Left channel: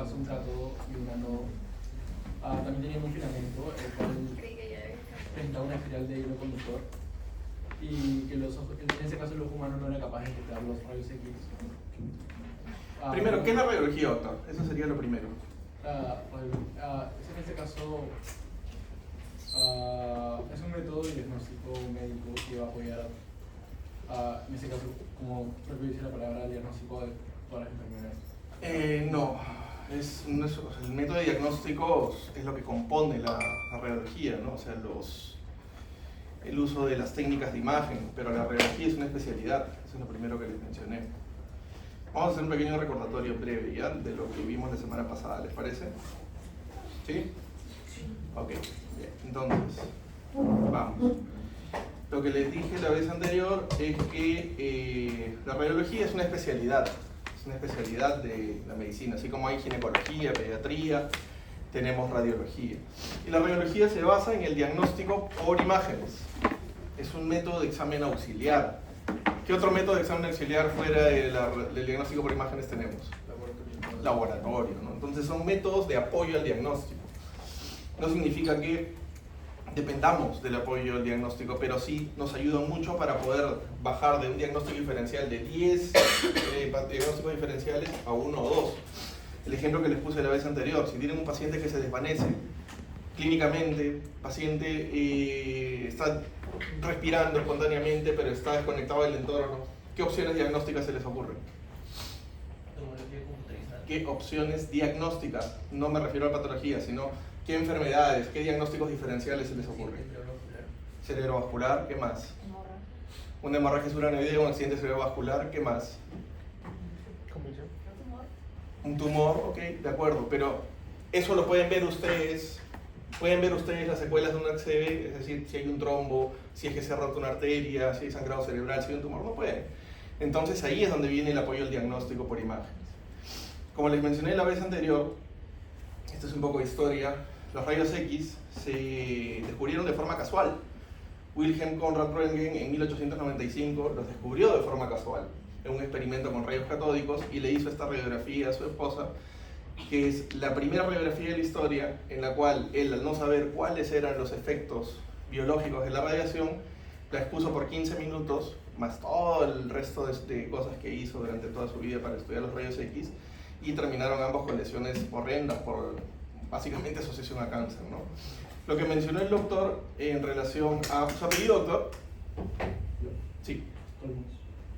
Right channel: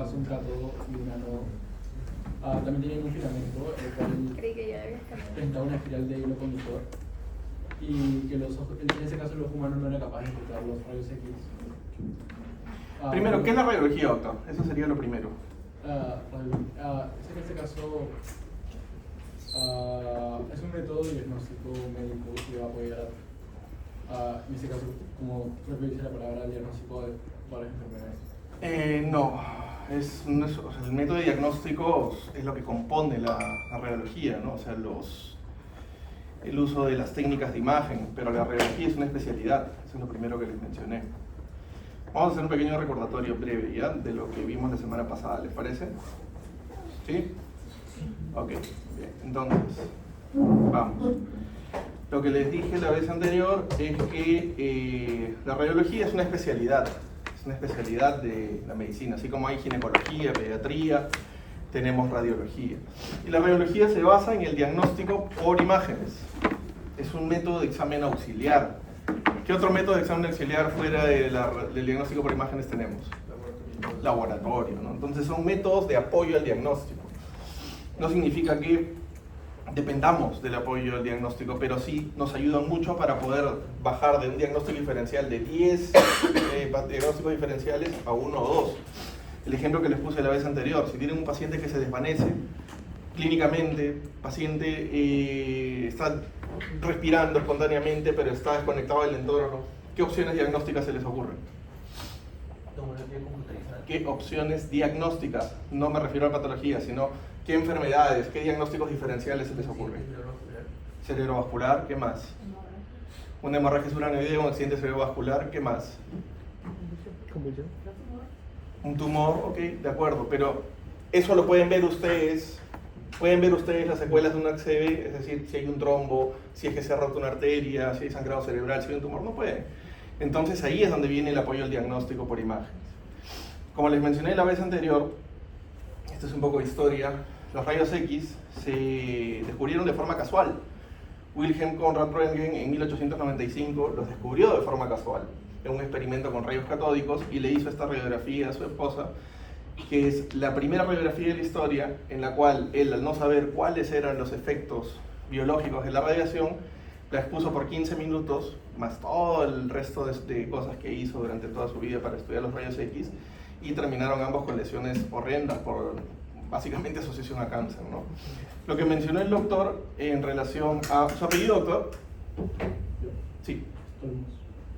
caso un cátodo y un ánodo. También tienen un filamento, el cual entra una espiral de hilo conductor, y que los ojos, en ese caso el ojo humano no era capaz de detectar los rayos X. Primero, ¿qué es la radiología, doctor? Eso sería lo primero. En este caso es un método de diagnóstico médico que va a apoyar, en este caso, como propio dice la palabra, diagnóstico de todas las enfermedades. No, o sea, el método de diagnóstico es lo que compone la radiología, ¿no? O sea, el uso de las técnicas de imagen, pero la radiología es una especialidad, eso es lo primero que les mencioné. Vamos a hacer un pequeño recordatorio breve ya de lo que vimos la semana pasada, ¿les parece? ¿Sí? Ok, bien. Entonces, vamos. Lo que les dije la vez anterior es que la radiología es una especialidad de la medicina, así como hay ginecología, pediatría, tenemos radiología. Y la radiología se basa en el diagnóstico por imágenes. Es un método de examen auxiliar. ¿Qué otro método de examen auxiliar fuera del diagnóstico por imágenes tenemos? Laboratorio, ¿no? Entonces son métodos de apoyo al diagnóstico. No significa que dependamos del apoyo al diagnóstico, pero sí nos ayudan mucho para poder bajar de un diagnóstico diferencial de 10 diagnósticos diferenciales a 1 o 2. El ejemplo que les puse la vez anterior, si tienen un paciente que se desvanece clínicamente, paciente está respirando espontáneamente pero está desconectado del entorno, ¿qué opciones diagnósticas se les ocurren? ¿Qué opciones diagnósticas? No me refiero a patología, sino ¿qué enfermedades, qué diagnósticos diferenciales se les ocurren? Cerebrovascular, ¿qué más? Una hemorragia subaracnoidea, un accidente cerebrovascular, ¿qué más? Un tumor, ok, de acuerdo, pero eso lo pueden ver ustedes las secuelas de un ACV, es decir, si hay un trombo, si es que se ha roto una arteria, si hay sangrado cerebral, si hay un tumor, no pueden. Entonces ahí es donde viene el apoyo al diagnóstico por imágenes. Como les mencioné la vez anterior, esto es un poco de historia, los rayos X se descubrieron de forma casual. Wilhelm Conrad Röntgen en 1895 los descubrió de forma casual en un experimento con rayos catódicos y le hizo esta radiografía a su esposa, que es la primera radiografía de la historia en la cual él, al no saber cuáles eran los efectos biológicos de la radiación, la expuso por 15 minutos, más todo el resto de cosas que hizo durante toda su vida para estudiar los rayos X, y terminaron ambos con lesiones horrendas por básicamente asociación a cáncer, ¿no? Lo que mencionó el doctor en relación a... ¿Su apellido, doctor? Sí.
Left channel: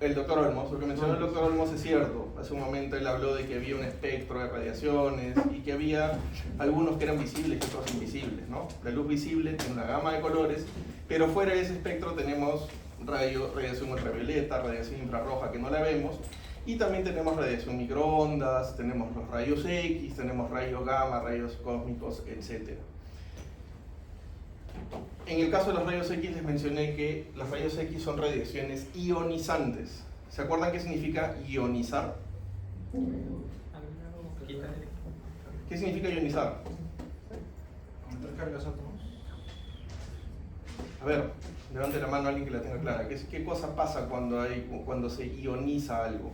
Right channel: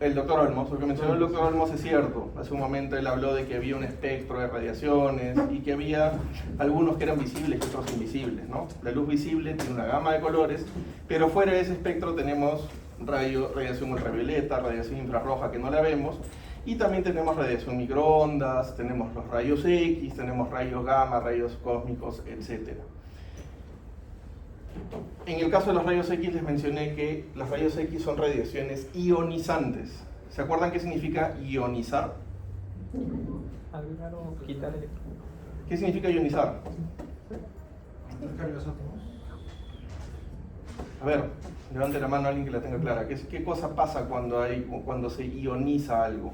El doctor Olmos, lo que mencionó el doctor Olmos es cierto. Hace un momento él habló de que había un espectro de radiaciones y que había algunos que eran visibles y otros invisibles, ¿no? La luz visible tiene una gama de colores, pero fuera de ese espectro tenemos radiación ultravioleta, radiación infrarroja que no la vemos, y también tenemos radiación microondas, tenemos los rayos X, tenemos rayos gamma, rayos cósmicos, etc. En el caso de los rayos X les mencioné que los rayos X son radiaciones ionizantes. ¿Se acuerdan qué significa ionizar? ¿Qué significa ionizar? A ver, levante la mano a alguien que la tenga clara. ¿Qué cosa pasa cuando se ioniza algo?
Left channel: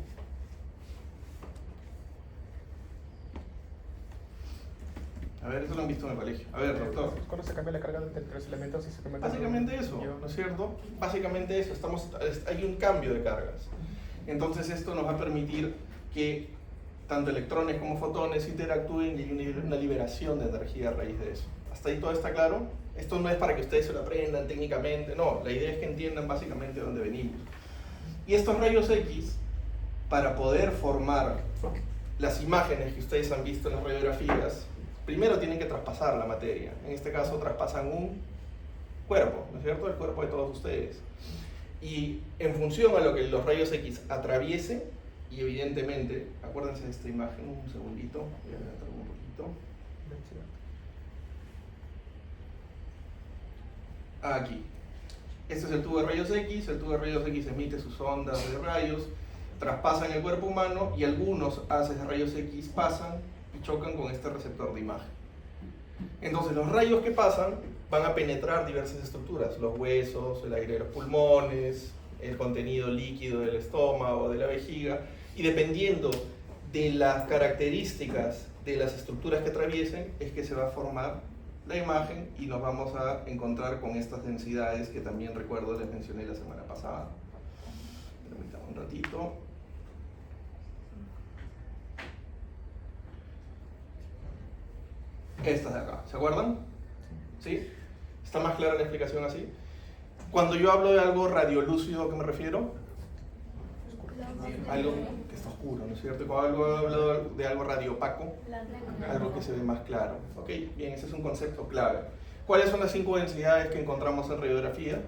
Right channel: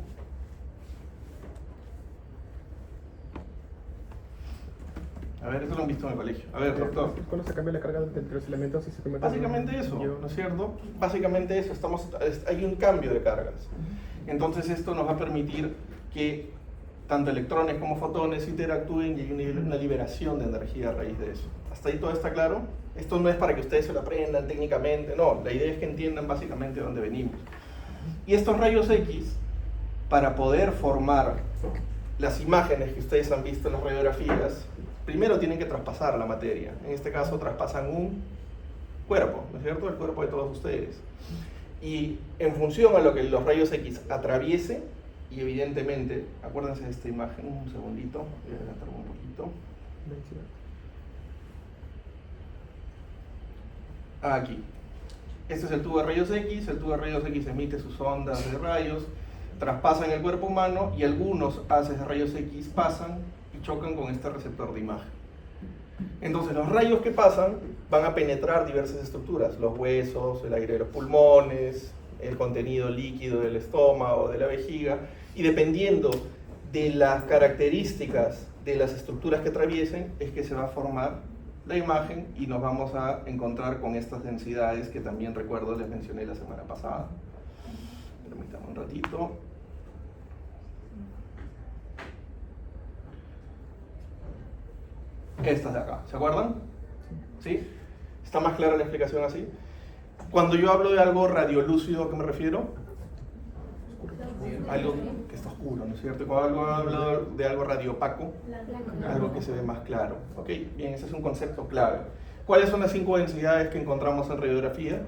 A ver, eso lo han visto en el colegio. A ver, doctor. ¿Cuándo se cambia la carga entre los elementos y se convierte en Básicamente eso, ¿no es cierto? Básicamente eso, hay un cambio de cargas. Entonces esto nos va a permitir que tanto electrones como fotones interactúen y hay una liberación de energía a raíz de eso. ¿Hasta ahí todo está claro? Esto no es para que ustedes se lo aprendan técnicamente, no, la idea es que entiendan básicamente de dónde venimos. Y estos rayos X, para poder formar las imágenes que ustedes han visto en las radiografías, primero tienen que traspasar la materia. En este caso traspasan un cuerpo, ¿no es cierto? El cuerpo de todos ustedes. Y en función a lo que los rayos X atraviesen, y evidentemente, acuérdense de esta imagen, un segundito, voy a levantar un poquito. Aquí. Este es el tubo de rayos X, el tubo de rayos X emite sus ondas de rayos, traspasan el cuerpo humano y algunos haces de rayos X pasan y chocan con este receptor de imagen. Entonces los rayos que pasan van a penetrar diversas estructuras, los huesos, el aire de los pulmones, el contenido líquido del estómago, de la vejiga, y dependiendo de las características de las estructuras que atraviesen es que se va a formar la imagen y nos vamos a encontrar con estas densidades que también recuerdo les mencioné la semana pasada. Permítanme un ratito. Estas de acá, ¿se acuerdan? ¿Sí? ¿Está más clara la explicación así? Cuando yo hablo de algo radiolúcido, ¿a qué me refiero? Algo que está oscuro, ¿no es cierto? Cuando hablo de algo radiopaco, algo que se ve más claro. Ok, bien, ese es un concepto clave. ¿Cuáles son las 5 densidades que encontramos en radiografía?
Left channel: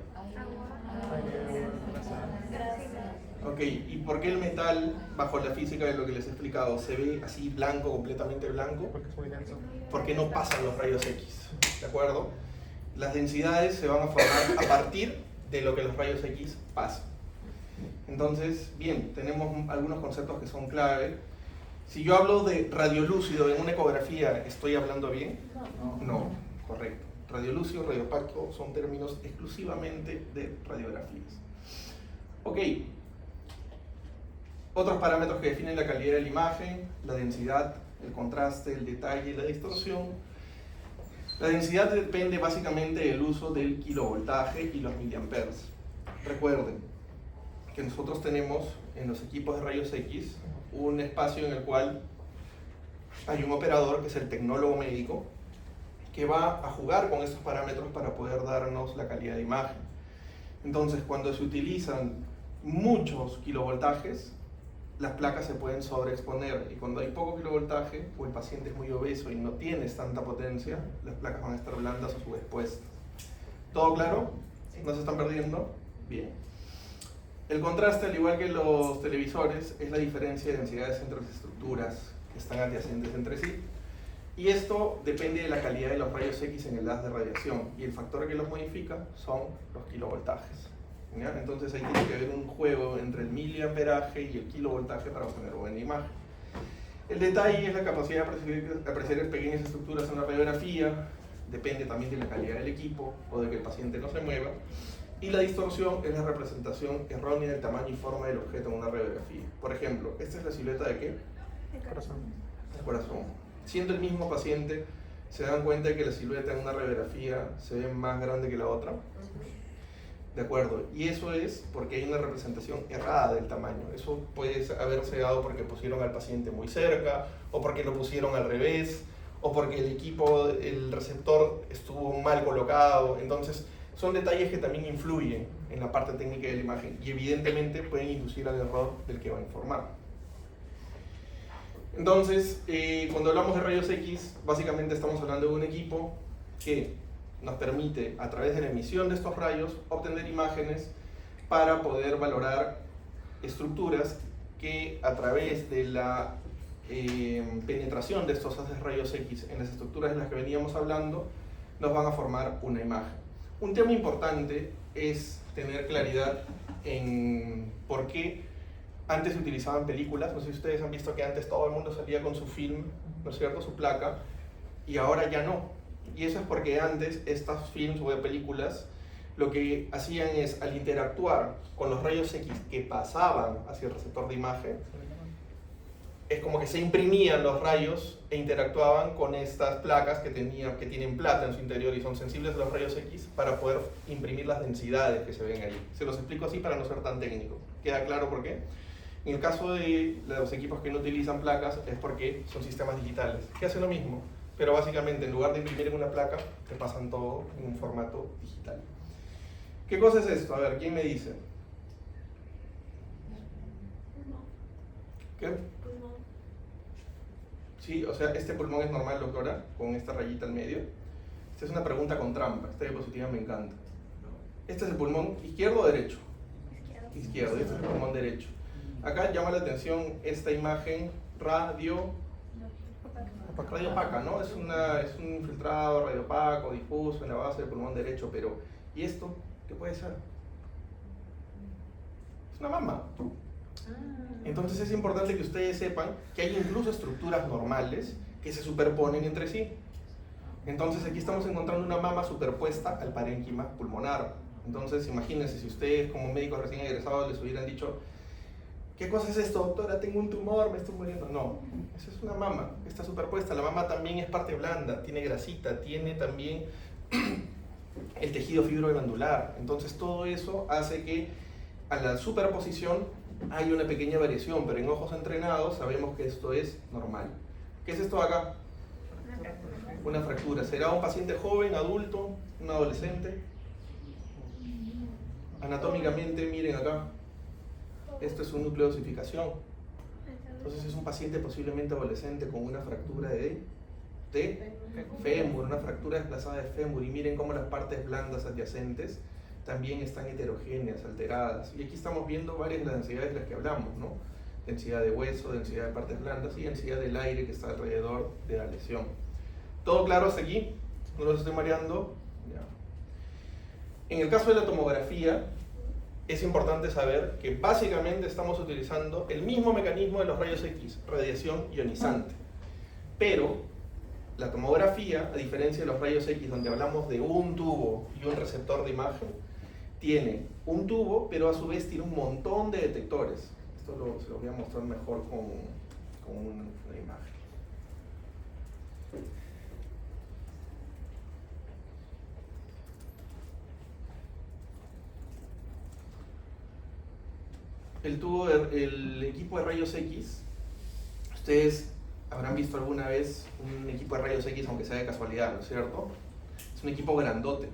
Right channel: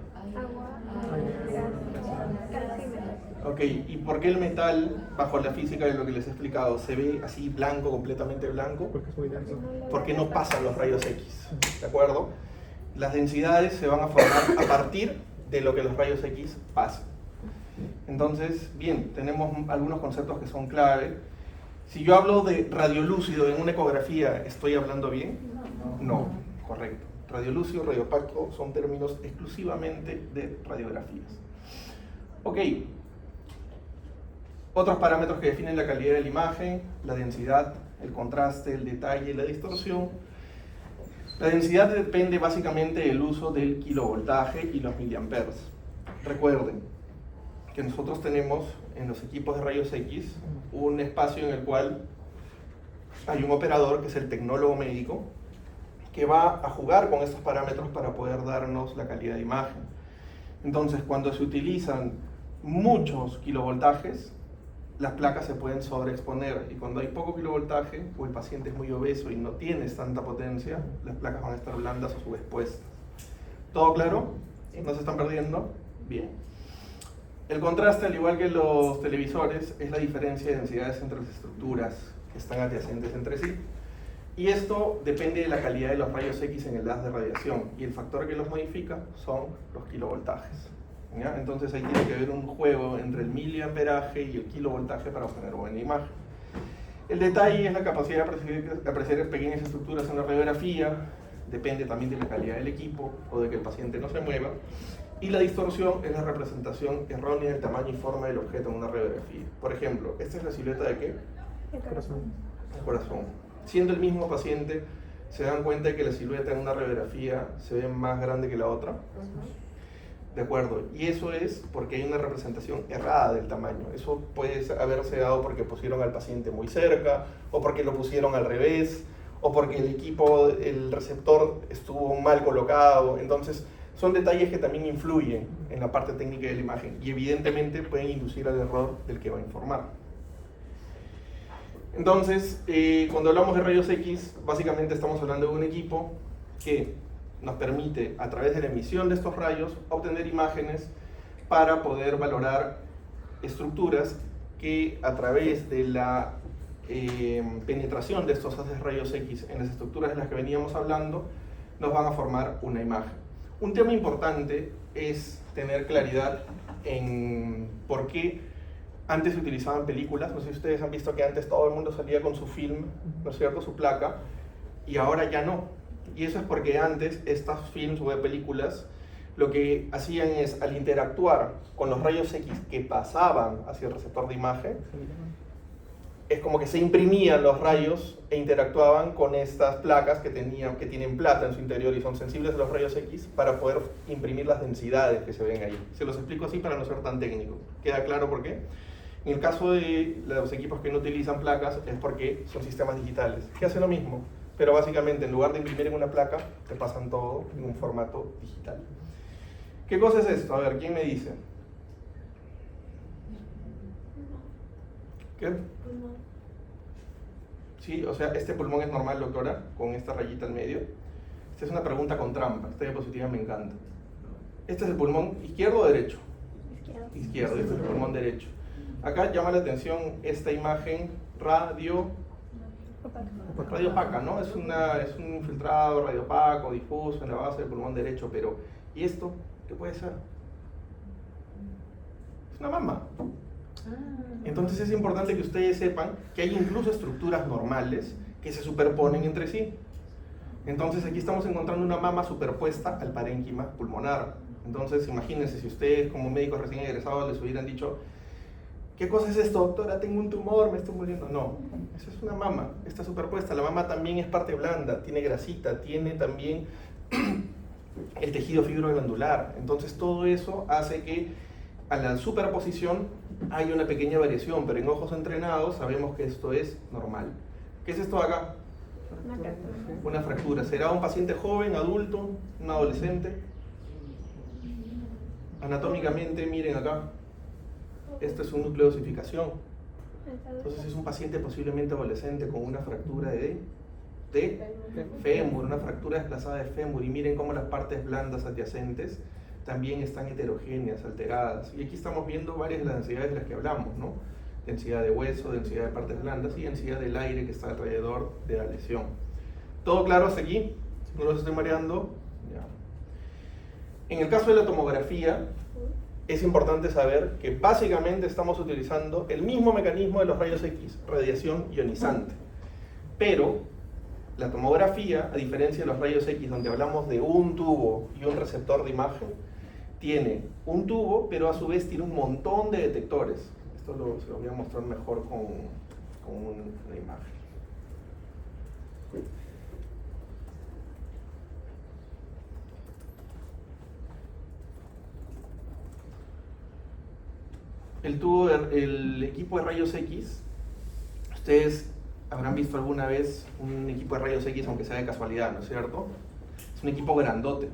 Ok, ¿y por qué el metal, bajo la física de lo que les he explicado, se ve así blanco, completamente blanco? Porque es muy denso. Porque no pasan los rayos X, ¿de acuerdo? Las densidades se van a formar a partir de lo que los rayos X pasan. Entonces, bien, tenemos algunos conceptos que son clave. Si yo hablo de radiolúcido en una ecografía, ¿estoy hablando bien? No, correcto. Radiolúcido, radiopaco son términos exclusivamente de radiografías. Ok. Otros parámetros que definen la calidad de la imagen: la densidad, el contraste, el detalle y la distorsión. La densidad depende básicamente del uso del kilovoltaje y los miliamperes. Recuerden que nosotros tenemos en los equipos de rayos X un espacio en el cual hay un operador que es el tecnólogo médico que va a jugar con estos parámetros para poder darnos la calidad de imagen. Entonces, cuando se utilizan muchos kilovoltajes, las placas se pueden sobreexponer, y cuando hay poco kilovoltaje o el paciente es muy obeso y no tienes tanta potencia, las placas van a estar blandas o subexpuestas. ¿Todo claro? ¿No se están perdiendo? Bien. El contraste, al igual que los televisores, es la diferencia de densidades entre las estructuras que están adyacentes entre sí. Y esto depende de la calidad de los rayos X en el haz de radiación, y el factor que los modifica son los kilovoltajes. ¿Ya? Entonces ahí tiene que haber un juego entre el miliamperaje y el kilovoltaje para obtener buena imagen. El detalle es la capacidad de apreciar pequeñas estructuras en la radiografía, depende también de la calidad del equipo o de que el paciente no se mueva. Y la distorsión es la representación errónea del tamaño y forma del objeto en una radiografía. Por ejemplo, esta es la silueta de ¿qué? El corazón. El corazón. Siendo el mismo paciente, ¿se dan cuenta de que la silueta en una radiografía se ve más grande que la otra? De acuerdo, y eso es porque hay una representación errada del tamaño. Eso puede haberse dado porque pusieron al paciente muy cerca, o porque lo pusieron al revés, o porque el equipo, el receptor estuvo mal colocado. Entonces, son detalles que también influyen en la parte técnica de la imagen y evidentemente pueden inducir al error del que va a informar. Entonces, cuando hablamos de rayos X, básicamente estamos hablando de un equipo que nos permite, a través de la emisión de estos rayos, obtener imágenes para poder valorar estructuras que, a través de la penetración de estos haces rayos X en las estructuras en las que veníamos hablando, nos van a formar una imagen. Un tema importante es tener claridad en por qué antes se utilizaban películas. No sé si ustedes han visto que antes todo el mundo salía con su film, ¿no es cierto?, su placa, y ahora ya no. Y eso es porque antes estas films o de películas lo que hacían es, al interactuar con los rayos X que pasaban hacia el receptor de imagen, es como que se imprimían los rayos e interactuaban con estas placas que tienen plata en su interior y son sensibles a los rayos X para poder imprimir las densidades que se ven ahí. Se los explico así para no ser tan técnico. ¿Queda claro por qué? En el caso de los equipos que no utilizan placas es porque son sistemas digitales, que hacen lo mismo, pero básicamente en lugar de imprimir en una placa, te pasan todo en un formato digital. ¿Qué cosa es esto? A ver, ¿quién me dice? ¿Qué? Sí, o sea, ¿este pulmón es normal, doctora? Con esta rayita al medio. Esta es una pregunta con trampa, esta diapositiva me encanta. ¿Este es el pulmón izquierdo o derecho? Izquierdo, este es el pulmón derecho. Acá llama la atención esta imagen radiopaca, ¿no? Es un infiltrado radiopaco, difuso en la base del pulmón derecho, pero ¿y esto? ¿Qué puede ser? Es una mama. Entonces es importante que ustedes sepan que hay incluso estructuras normales que se superponen entre sí. Entonces aquí estamos encontrando una mama superpuesta al parénquima pulmonar. Entonces imagínense si ustedes como médicos recién egresados les hubieran dicho ¿Qué cosa es esto, doctora? Tengo un tumor, me estoy muriendo. No, esa es una mama, está superpuesta. La mama también es parte blanda, tiene grasita, tiene también el tejido fibroglandular. Entonces todo eso hace que a la superposición hay una pequeña variación, pero en ojos entrenados sabemos que esto es normal. ¿Qué es esto de acá? Una fractura. ¿Será un paciente joven, adulto, un adolescente? Anatómicamente, miren acá, esto es un núcleo de osificación. Entonces es un paciente posiblemente adolescente con una fractura de fémur, una fractura desplazada de fémur. Y miren cómo las partes blandas adyacentes también están heterogéneas, alteradas. Y aquí estamos viendo varias de las densidades de las que hablamos, ¿no? Densidad de hueso, densidad de partes blandas y densidad del aire que está alrededor de la lesión. ¿Todo claro hasta aquí? ¿No los estoy mareando? Ya. En el caso de la tomografía, es importante saber que básicamente estamos utilizando el mismo mecanismo de los rayos X, radiación ionizante. Pero la tomografía, a diferencia de los rayos X, donde hablamos de un tubo y un receptor de imagen, tiene un tubo, pero a su vez tiene un montón de detectores. Esto se lo voy a mostrar mejor con una imagen. El equipo de rayos X, ustedes habrán visto alguna vez un equipo de rayos X, aunque sea de casualidad, ¿no es cierto? Es un equipo grandote.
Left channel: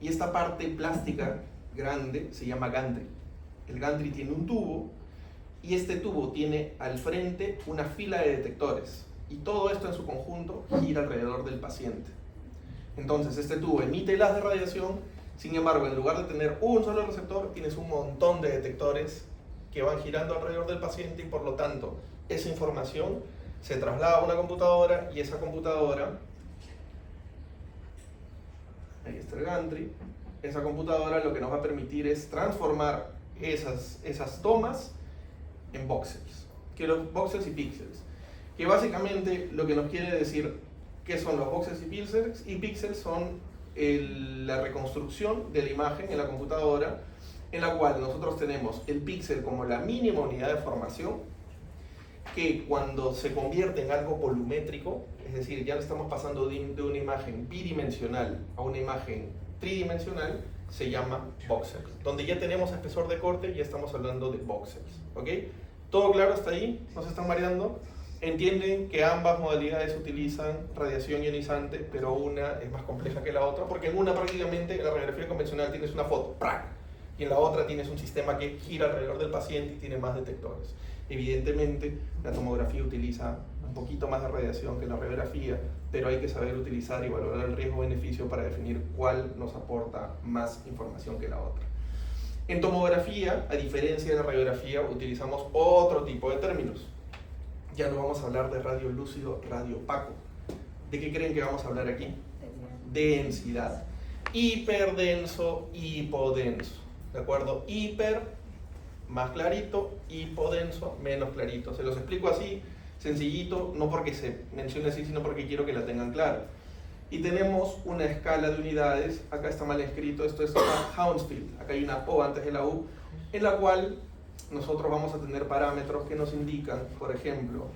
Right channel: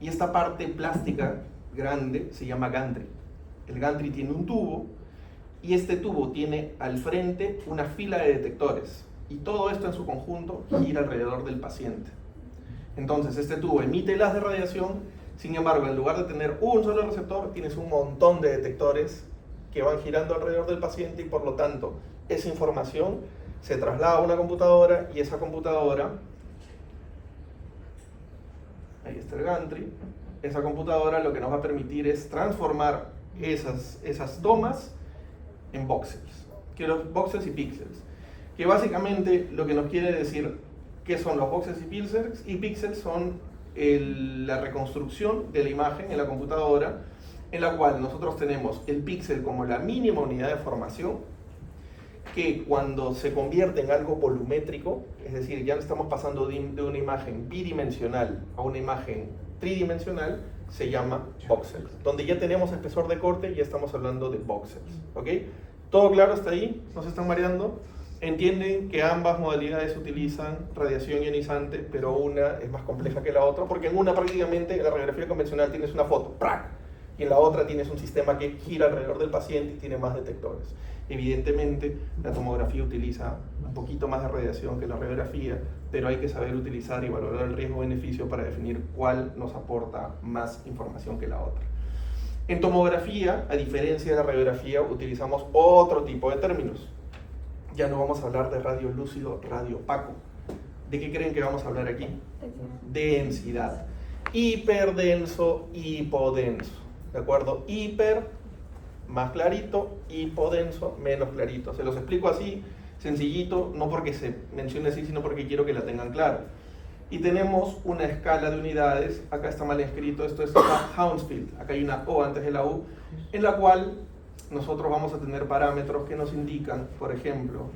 Y esta parte plástica grande se llama gantry. El gantry tiene un tubo y este tubo tiene al frente una fila de detectores. Y todo esto en su conjunto gira alrededor del paciente. Entonces este tubo emite las de radiación. Sin embargo, en lugar de tener un solo receptor, tienes un montón de detectores que van girando alrededor del paciente y por lo tanto esa información se traslada a una computadora y esa computadora, ahí está el gantry, esa computadora lo que nos va a permitir es transformar esas tomas en voxels, que los voxels y píxeles, que básicamente lo que nos quiere decir que son los voxels y píxeles son la reconstrucción de la imagen en la computadora, en la cual nosotros tenemos el píxel como la mínima unidad de formación, que cuando se convierte en algo volumétrico, es decir, ya estamos pasando de una imagen bidimensional a una imagen tridimensional, se llama voxels. Donde ya tenemos espesor de corte, ya estamos hablando de voxels. ¿Ok? ¿Todo claro hasta ahí? ¿No se están mareando? Entienden que ambas modalidades utilizan radiación ionizante, pero una es más compleja que la otra, porque en una prácticamente, en la radiografía convencional, tienes una foto, ¡prac! Y en la otra tienes un sistema que gira alrededor del paciente y tiene más detectores. Evidentemente, la tomografía utiliza un poquito más de radiación que la radiografía, pero hay que saber utilizar y valorar el riesgo-beneficio para definir cuál nos aporta más información que la otra. En tomografía, a diferencia de la radiografía, utilizamos otro tipo de términos. Ya no vamos a hablar de radio lúcido, radio opaco. ¿De qué creen que vamos a hablar aquí? Densidad. Hiperdenso, hipodenso. ¿De acuerdo? Hiper, más clarito, hipodenso, menos clarito. Se los explico así, sencillito, no porque se mencione así, sino porque quiero que la tengan claro. Y tenemos una escala de unidades, acá está mal escrito, esto es Hounsfield, acá hay una O antes de la U, en la cual nosotros vamos a tener parámetros que nos indican, por ejemplo,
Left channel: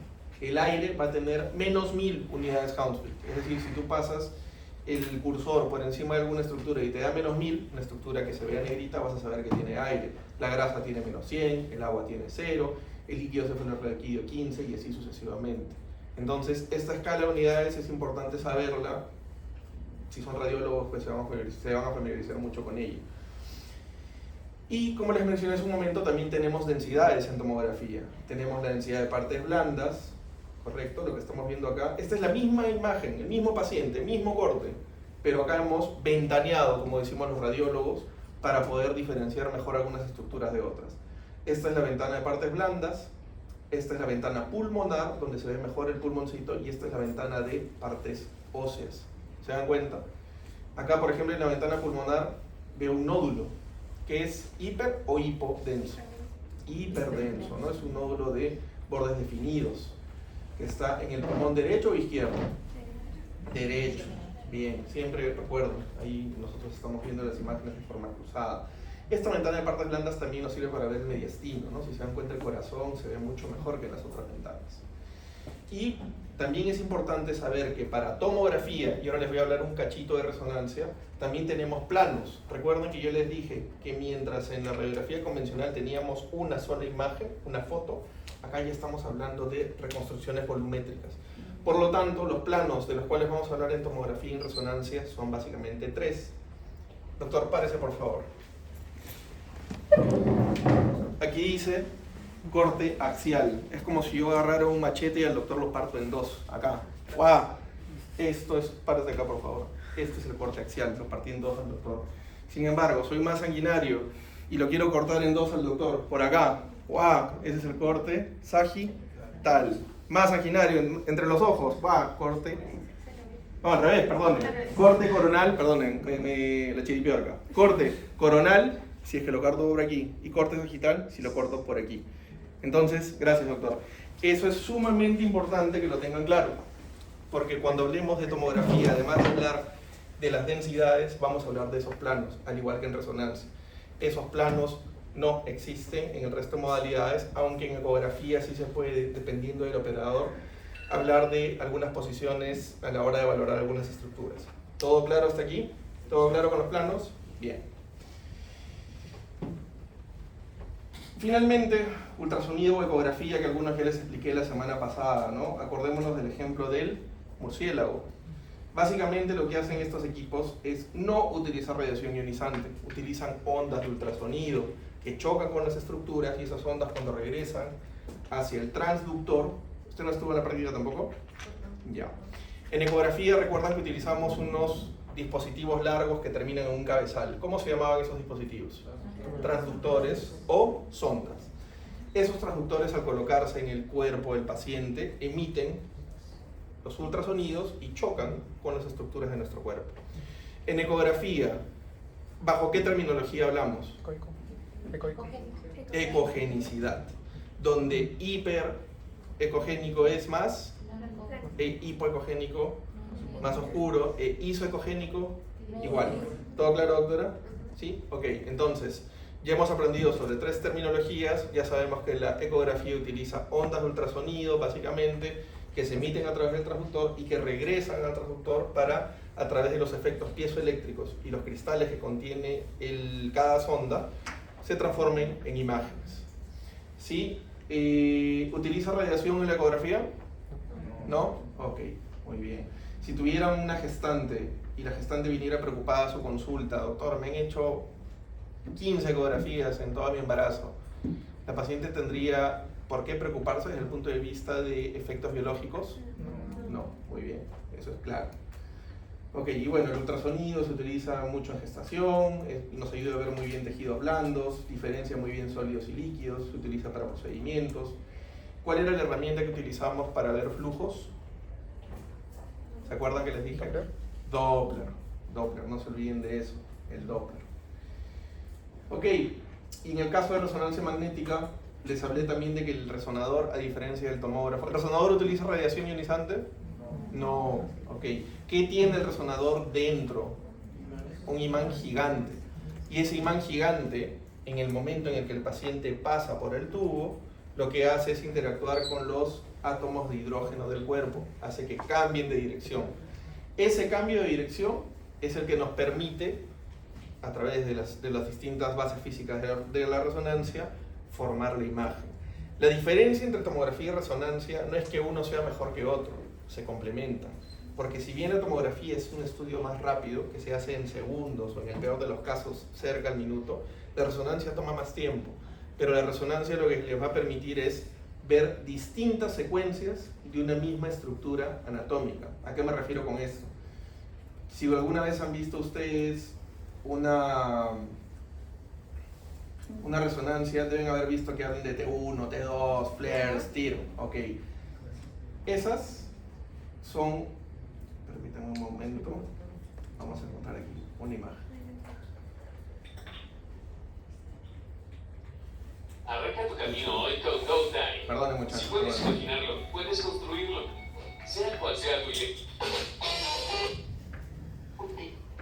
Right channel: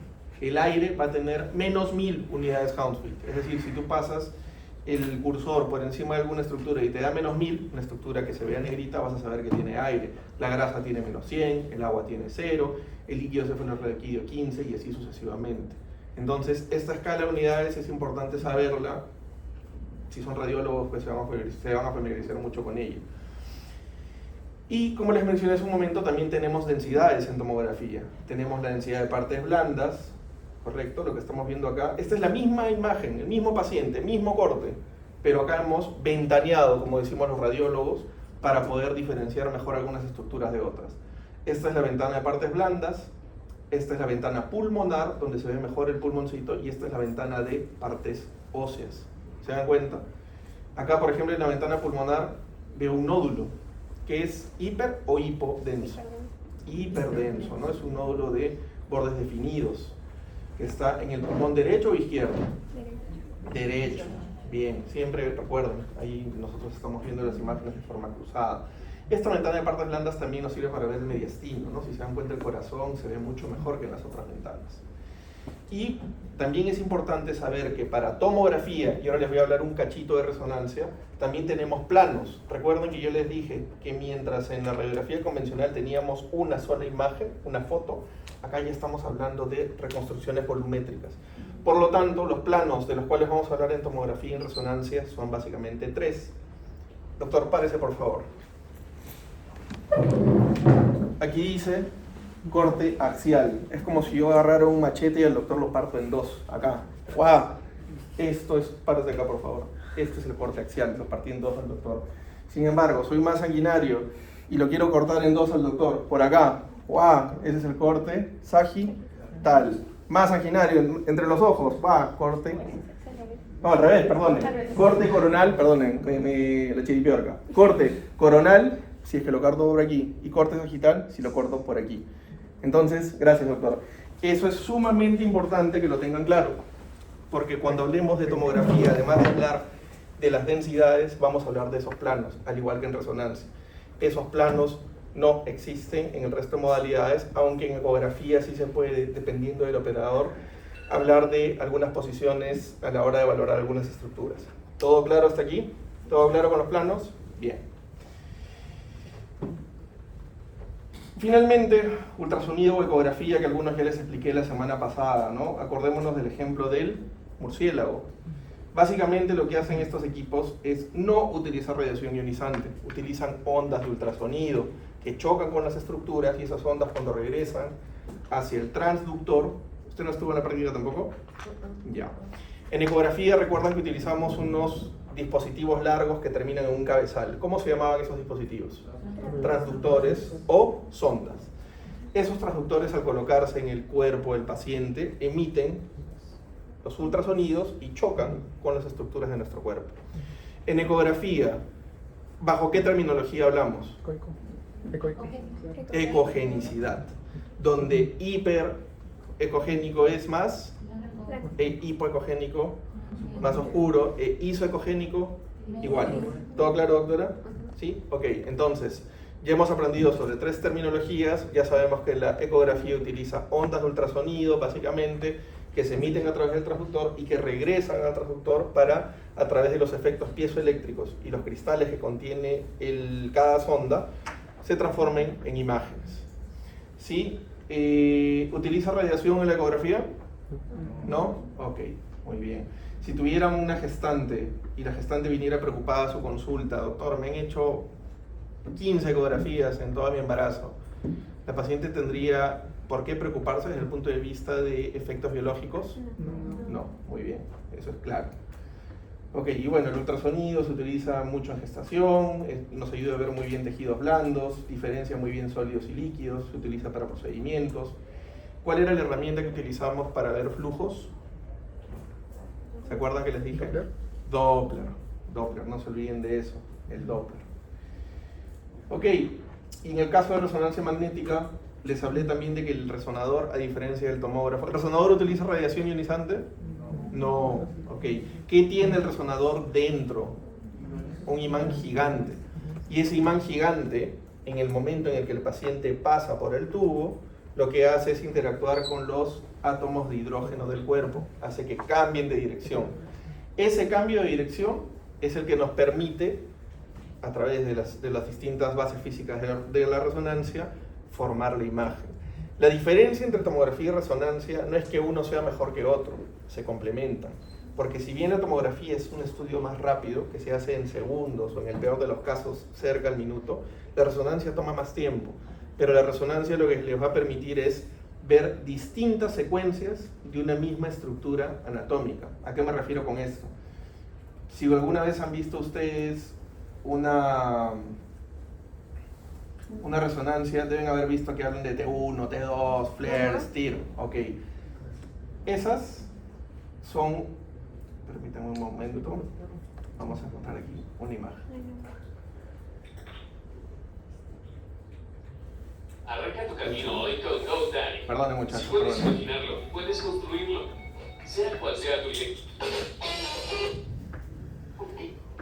el aire va a tener menos 1000 unidades Hounsfield. Es decir, si tú pasas el cursor por encima de alguna estructura y te da menos 1000, una estructura que se vea negrita, vas a saber que tiene aire. La grasa tiene menos 100, el agua tiene 0, el líquido cefalorraquídeo 15 y así sucesivamente. Entonces, esta escala de unidades es importante saberla. Si son radiólogos, pues se van a familiarizar mucho con ello. Y como les mencioné hace un momento, también tenemos densidades en tomografía. Tenemos la densidad de partes blandas, ¿correcto? Lo que estamos viendo acá. Esta es la misma imagen, el mismo paciente, mismo corte, pero acá hemos ventaneado, como decimos los radiólogos, para poder diferenciar mejor algunas estructuras de otras. Esta es la ventana de partes blandas, esta es la ventana pulmonar, donde se ve mejor el pulmoncito, y esta es la ventana de partes óseas. ¿Se dan cuenta? Acá, por ejemplo, en la ventana pulmonar veo un nódulo, que es hiper o hipodenso. Hiperdenso, ¿no? Es un nódulo de bordes definidos, que está en el pulmón derecho o izquierdo. Derecho. Bien, siempre recuerden, ahí nosotros estamos viendo las imágenes de forma cruzada. Esta ventana de partes blandas también nos sirve para ver el mediastino, ¿no? Si se dan cuenta, el corazón se ve mucho mejor que las otras ventanas. Y también es importante saber que para tomografía, y ahora les voy a hablar un cachito de resonancia, también tenemos planos. Recuerden que yo les dije que mientras en la radiografía convencional teníamos una sola imagen, una foto, acá ya estamos hablando de reconstrucciones volumétricas. Por lo tanto, los planos de los cuales vamos a hablar en tomografía y en resonancia son básicamente 3. Doctor, párese por favor. Aquí dice corte axial. Es como si yo agarrara un machete y al doctor lo parto en 2. Acá. ¡Guau! Esto es, párate acá por favor. Este es el corte axial, lo partí en 2 al doctor. Sin embargo, soy más sanguinario y lo quiero cortar en 2 al doctor. Por acá. ¡Guau! Ese es el corte sagital. Más sanguinario, entre los ojos. ¡Guau! Corte. No, al revés, perdonen. Corte coronal, perdonen, la chiripió acá. Corte coronal, si es que lo corto por aquí, y corte sagital, si lo corto por aquí. Entonces, gracias doctor. Eso es sumamente importante que lo tengan claro, porque cuando hablemos de tomografía, además de hablar de las densidades, vamos a hablar de esos planos, al igual que en resonancia. Esos planos no existen en el resto de modalidades, aunque en ecografía sí se puede, dependiendo del operador, hablar de algunas posiciones a la hora de valorar algunas estructuras. ¿Todo claro hasta aquí? ¿Todo claro con los planos? Bien. Finalmente, ultrasonido o ecografía, que algunos ya les expliqué la semana pasada, ¿no? Acordémonos del ejemplo del murciélago. Básicamente lo que hacen estos equipos es no utilizar radiación ionizante, utilizan ondas de ultrasonido que chocan con las estructuras y esas ondas cuando regresan hacia el transductor. ¿Usted no estuvo en la práctica tampoco? Ya. En ecografía recuerdan que utilizamos unos dispositivos largos que terminan en un cabezal. ¿Cómo se llamaban esos dispositivos? Transductores o sondas. Esos transductores, al colocarse en el cuerpo del paciente, emiten los ultrasonidos y chocan con las estructuras de nuestro cuerpo. En ecografía, ¿bajo qué terminología hablamos? Ecogenicidad, donde hiperecogénico es más, hipoecogénico más oscuro, isoecogénico igual. ¿Todo claro, doctora? ¿Sí? Ok, entonces, ya hemos aprendido sobre 3 terminologías. Ya sabemos que la ecografía utiliza ondas de ultrasonido, básicamente, que se emiten a través del transductor y que regresan al transductor para, a través de los efectos piezoeléctricos y los cristales que contiene cada sonda, se transformen en imágenes. ¿Sí? ¿Utiliza radiación en la ecografía? ¿No? Ok, muy bien. Si tuvieran una gestante y la gestante viniera preocupada a su consulta, doctor, me han hecho 15 ecografías en todo mi embarazo, ¿la paciente tendría por qué preocuparse desde el punto de vista de efectos biológicos? No, muy bien, eso es claro. Ok, y bueno, el ultrasonido se utiliza mucho en gestación, nos ayuda a ver muy bien tejidos blandos, diferencia muy bien sólidos y líquidos, se utiliza para procedimientos. ¿Cuál era la herramienta que utilizamos para ver flujos? ¿Se acuerdan que les dije? Doppler, no se olviden de eso, el Doppler. Ok, y en el caso de resonancia magnética, les hablé también de que el resonador, a diferencia del tomógrafo, ¿el resonador utiliza radiación ionizante? No. Ok, ¿qué tiene el resonador dentro? Un imán gigante. Y ese imán gigante, en el momento en el que el paciente pasa por el tubo, lo que hace es interactuar con los átomos de hidrógeno del cuerpo, hace que cambien de dirección. Ese cambio de dirección es el que nos permite, a través de las distintas bases físicas de la resonancia, formar la imagen. La diferencia entre tomografía y resonancia no es que uno sea mejor que otro, se complementan. Porque si bien la tomografía es un estudio más rápido, que se hace en segundos o en el peor de los casos cerca al minuto, la resonancia toma más tiempo. Pero la resonancia lo que les va a permitir es ver distintas secuencias de una misma estructura anatómica. ¿A qué me refiero con esto? Si alguna vez han visto ustedes una resonancia, deben haber visto que hablan de T1, T2, flares, TIR. Ok. Esas son, permítanme un momento, vamos a encontrar aquí una imagen. Arranca tu camino hoy con GoDaddy. Perdón, muchachos. Si puedes imaginarlo, puedes construirlo. Sea cual sea tu idea.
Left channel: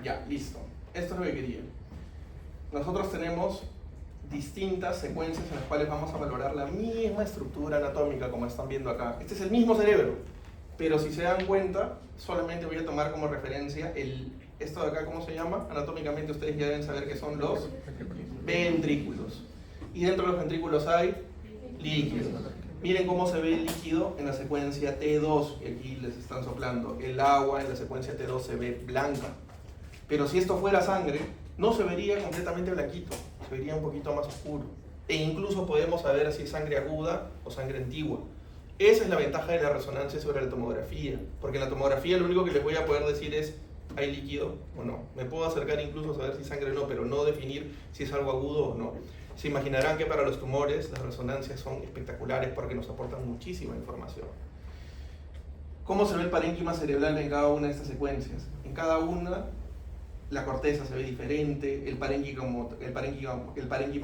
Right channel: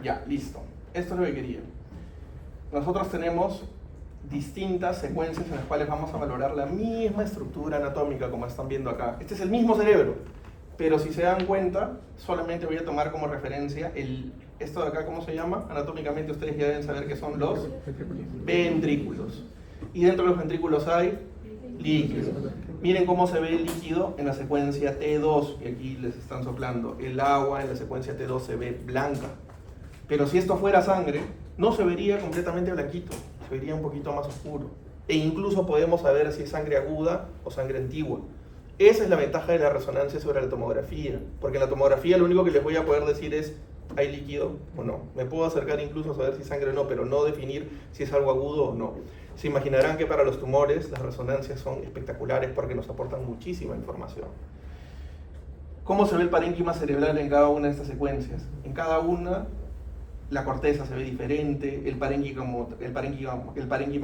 Ya, listo. Esto es lo que quería. nosotros tenemos distintas secuencias en las cuales vamos a valorar la misma estructura anatómica como están viendo acá. Este es el mismo cerebro, pero si se dan cuenta, solamente voy a tomar como referencia esto de acá, ¿cómo se llama? Anatómicamente ustedes ya deben saber que son los ventrículos. Y dentro de los ventrículos hay líquido. Miren cómo se ve el líquido en la secuencia T2, aquí les están soplando. El agua en la secuencia T2 se ve blanca. Pero si esto fuera sangre, no se vería completamente blanquito, se vería un poquito más oscuro. E incluso podemos saber si es sangre aguda o sangre antigua. Esa es la ventaja de la resonancia sobre la tomografía, porque en la tomografía lo único que les voy a poder decir es ¿hay líquido o no? Me puedo acercar incluso a saber si es sangre o no, pero no definir si es algo agudo o no. Se imaginarán que para los tumores las resonancias son espectaculares porque nos aportan muchísima información. ¿Cómo se ve el parénquima cerebral en cada una de estas secuencias? En cada una la corteza se ve diferente, el parénquima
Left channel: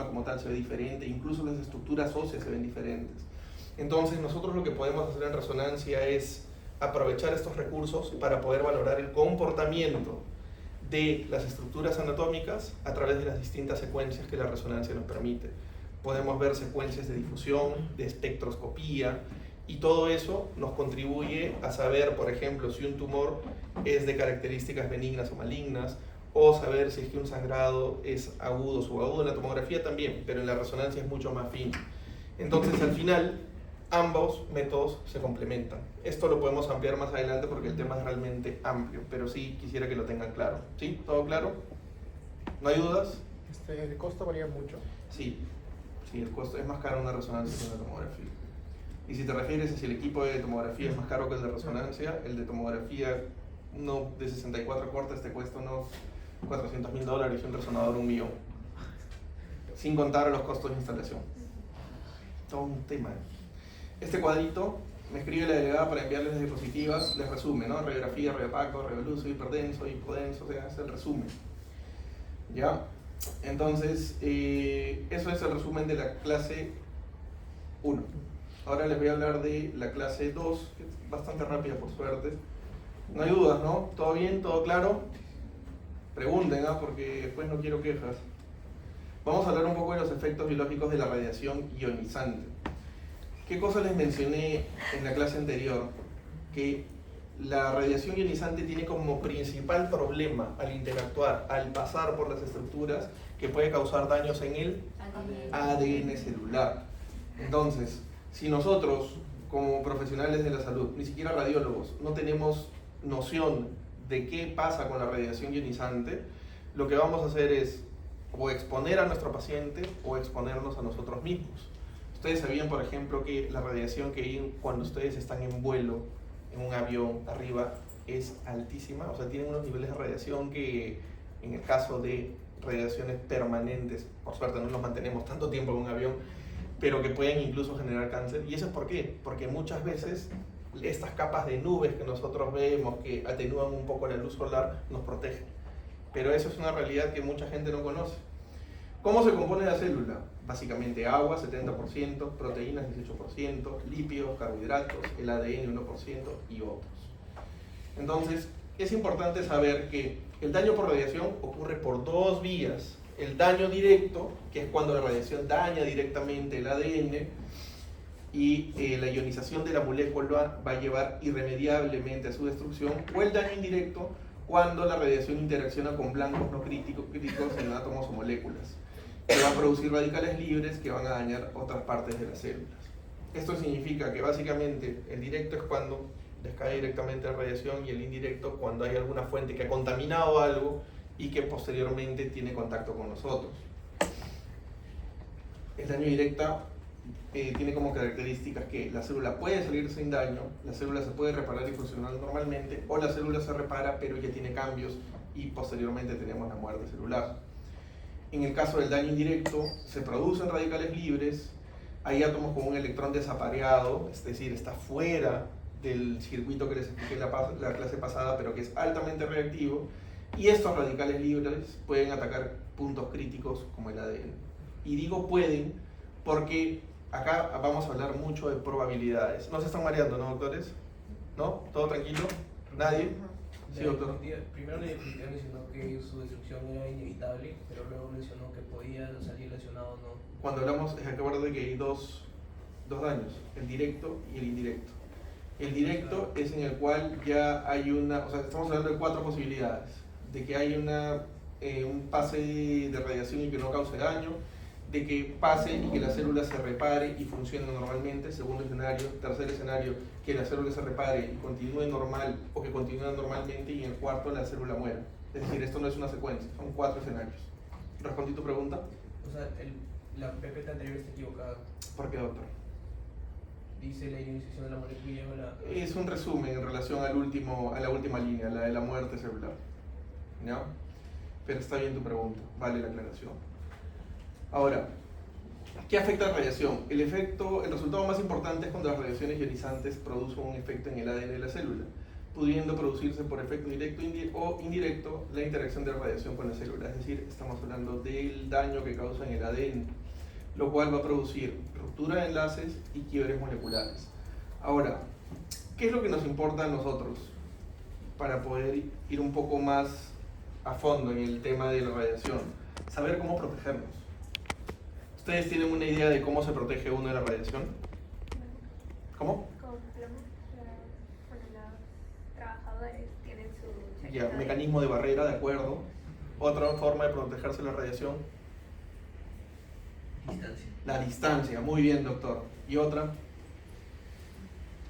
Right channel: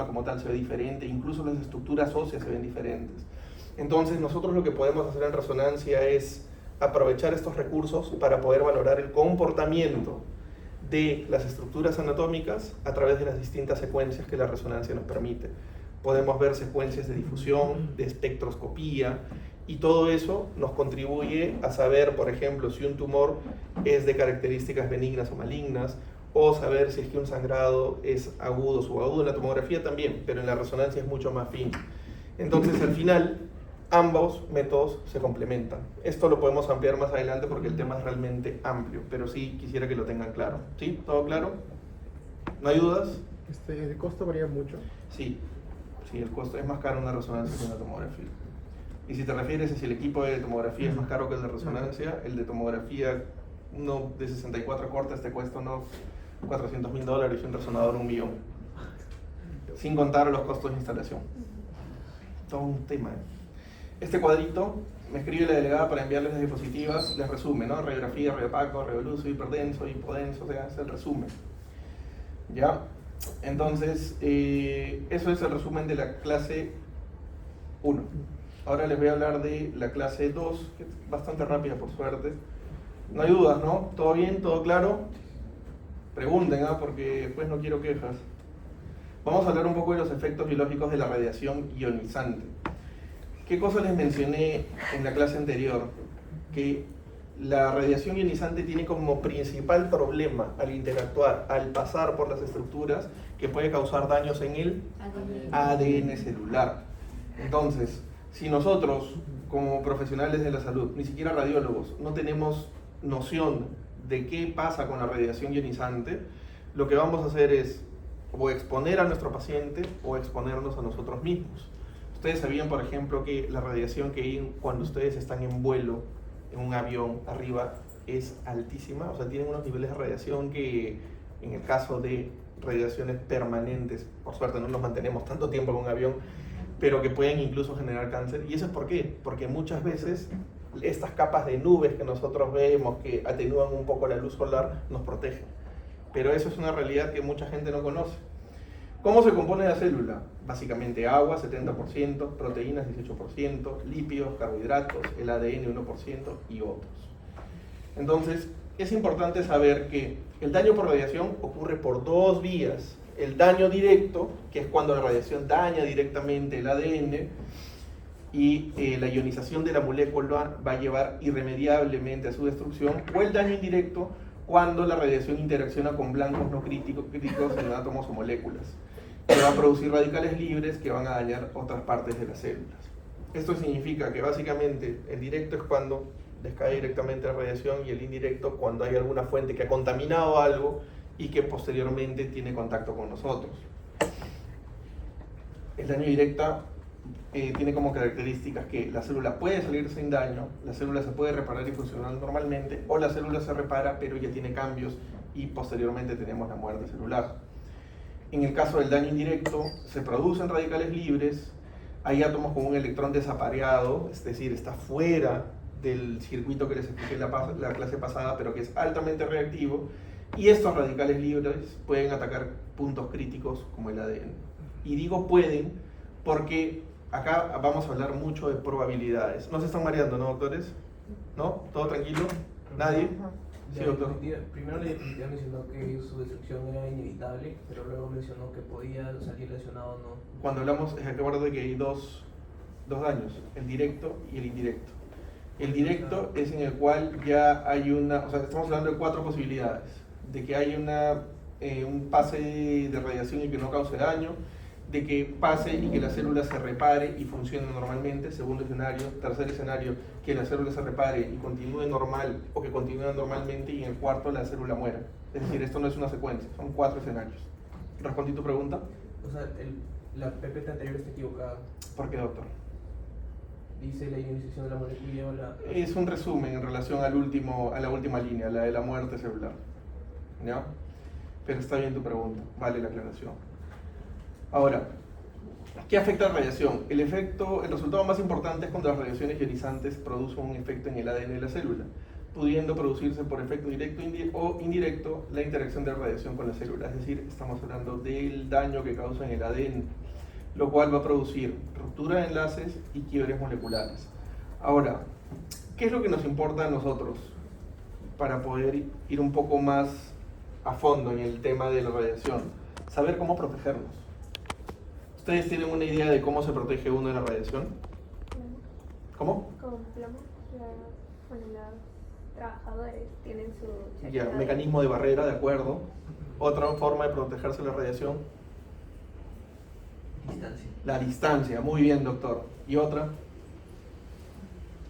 como tal se ve diferente, incluso las estructuras óseas se ven diferentes. Entonces nosotros lo que podemos hacer en resonancia es aprovechar estos recursos para poder valorar el comportamiento de las estructuras anatómicas a través de las distintas secuencias que la resonancia nos permite. Podemos ver secuencias de difusión, de espectroscopía, y todo eso nos contribuye a saber, por ejemplo, si un tumor es de características benignas o malignas, o saber si es que un sangrado es agudo o subagudo. En la tomografía también, pero en la resonancia es mucho más fino. Entonces, al final, ambos métodos se complementan. Esto lo podemos ampliar más adelante porque el tema es realmente amplio, pero sí quisiera que lo tengan claro. ¿Sí? ¿Todo claro? ¿No hay dudas? ¿El costo varía mucho? Sí, el costo es más caro en la resonancia que en la tomografía. Y si te refieres a si el equipo de tomografía es más caro que el de resonancia, el de tomografía no de 64 cortes te cuesta unos $400.000 y un resonador $1 millón. Sin contar los costos de instalación. Todo un tema. Este cuadrito me escribe la delegada para enviarles las diapositivas, les resume, ¿no? Radiografía, radiopaco, radioluso, hiperdenso, hipodenso, o sea, es el resumen. ¿Ya? Entonces, eso es el resumen de la clase 1. Ahora les voy a hablar de la clase 2, que es bastante rápida por suerte. No hay dudas, ¿no? ¿Todo bien? ¿Todo claro? Pregunten, porque después no quiero quejas. Vamos a hablar un poco de los efectos biológicos de la radiación ionizante. ¿Qué cosa les mencioné en la clase anterior? Que la radiación ionizante tiene como principal problema al interactuar, al pasar por las estructuras, que puede causar daños en el ADN celular. Entonces, si nosotros, como profesionales de la salud, ni siquiera radiólogos, no tenemos noción de qué pasa con la radiación ionizante, lo que vamos a hacer es o exponer a nuestro paciente o exponernos a nosotros mismos. Ustedes sabían, por ejemplo, que la radiación que hay cuando ustedes están en vuelo, en un avión arriba, es altísima. O sea, tienen unos niveles de radiación que, en el caso de radiaciones permanentes, por suerte no nos mantenemos tanto tiempo en un avión, pero que pueden incluso generar cáncer. ¿Y eso es por qué? Porque muchas veces estas capas de nubes que nosotros vemos, que atenúan un poco la luz solar, nos protegen. Pero eso es una realidad que mucha gente no conoce. ¿Cómo se compone la célula? Básicamente agua, 70%, proteínas, 18%, lípidos, carbohidratos, el ADN, 1% y otros. Entonces, es importante saber que el daño por radiación ocurre por dos vías. El daño directo, que es cuando la radiación daña directamente el ADN, y la ionización de la molécula va a llevar irremediablemente a su destrucción, o el daño indirecto, cuando la radiación interacciona con blancos no críticos en átomos o moléculas, que van a producir radicales libres que van a dañar otras partes de las células. Esto significa que básicamente el directo es cuando les cae directamente la radiación, y el indirecto cuando hay alguna fuente que ha contaminado algo y que posteriormente tiene contacto con nosotros. El daño directo tiene como características que la célula puede salir sin daño, la célula se puede reparar y funcionar normalmente, o la célula se repara pero ya tiene cambios y posteriormente tenemos la muerte celular. En el caso del daño indirecto, se producen radicales libres, hay átomos con un electrón desapareado, es decir, está fuera del circuito que les expliqué en la clase pasada, pero que es altamente reactivo, y estos radicales libres pueden atacar puntos críticos como el ADN. Y digo pueden porque acá vamos a hablar mucho de probabilidades. ¿No se están mareando, no, doctores? ¿No? ¿Todo tranquilo? ¿Nadie? Sí, doctor. Primero la diapositiva mencionó que su destrucción era inevitable, pero luego mencionó que podía salir lesionado o no. Cuando hablamos, acuérdate que hay dos daños, el directo y el indirecto. El directo es en el cual ya hay una, o sea, estamos hablando de 4 posibilidades, de que hay un pase de radiación y que no cause daño, de que pase y que la célula se repare y funcione normalmente, segundo escenario. Tercer escenario, que la célula se repare y continúe normal o que continúe normalmente, y en el cuarto la célula muera. Es decir, esto no es una secuencia, son 4 escenarios. ¿Respondí tu pregunta? O sea, la PPT anterior está equivocada. ¿Por qué, doctor? Dice la ionización de la molécula. Es un resumen en relación a la última línea, la de la muerte celular. ¿Ya? Pero está bien tu pregunta, vale la aclaración. Ahora, ¿qué afecta la radiación? El resultado más importante es cuando las radiaciones ionizantes producen un efecto en el ADN de la célula, pudiendo producirse por efecto directo o indirecto la interacción de la radiación con la célula. Es decir, estamos hablando del daño que causa en el ADN, lo cual va a producir ruptura de enlaces y quiebres moleculares. Ahora, ¿qué es lo que nos importa a nosotros para poder ir un poco más a fondo en el tema de la radiación? Saber cómo protegernos. ¿Ustedes tienen una idea de cómo se protege uno de la radiación? ¿Cómo? Con plomo, los trabajadores tienen su Ya, chaqueta mecanismo de barrera, de acuerdo. Otra forma de protegerse de la radiación, Distancia. la distancia. Muy bien, doctor. ¿Y otra?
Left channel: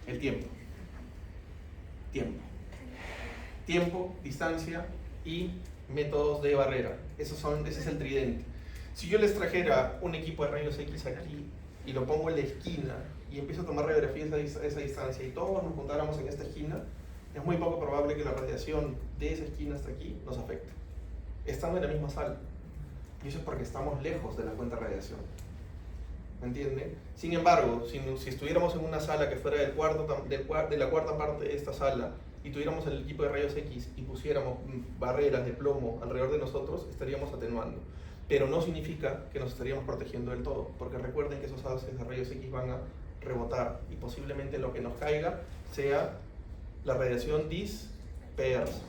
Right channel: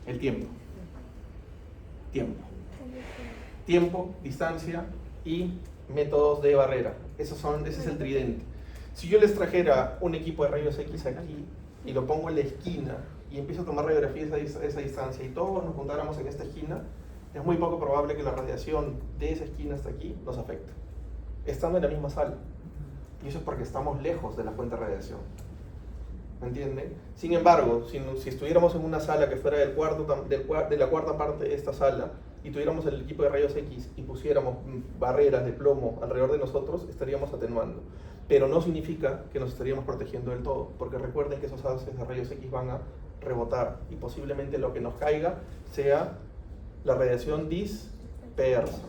El tiempo. Tiempo, distancia y métodos de barrera. Ese es el tridente. Si yo les trajera un equipo de rayos X aquí y lo pongo en la esquina y empiezo a tomar radiografías a esa distancia y todos nos juntáramos en esta esquina, es muy poco probable que la radiación de esa esquina hasta aquí nos afecte, estando en la misma sala. Y eso es porque estamos lejos de la fuente de radiación. ¿Me entienden? Sin embargo, si estuviéramos en una sala que fuera de la cuarta parte de esta sala y tuviéramos el equipo de rayos X y pusiéramos barreras de plomo alrededor de nosotros, estaríamos atenuando. Pero no significa que nos estaríamos protegiendo del todo, porque recuerden que esos haces de rayos X van a rebotar y posiblemente lo que nos caiga sea la radiación dispersa.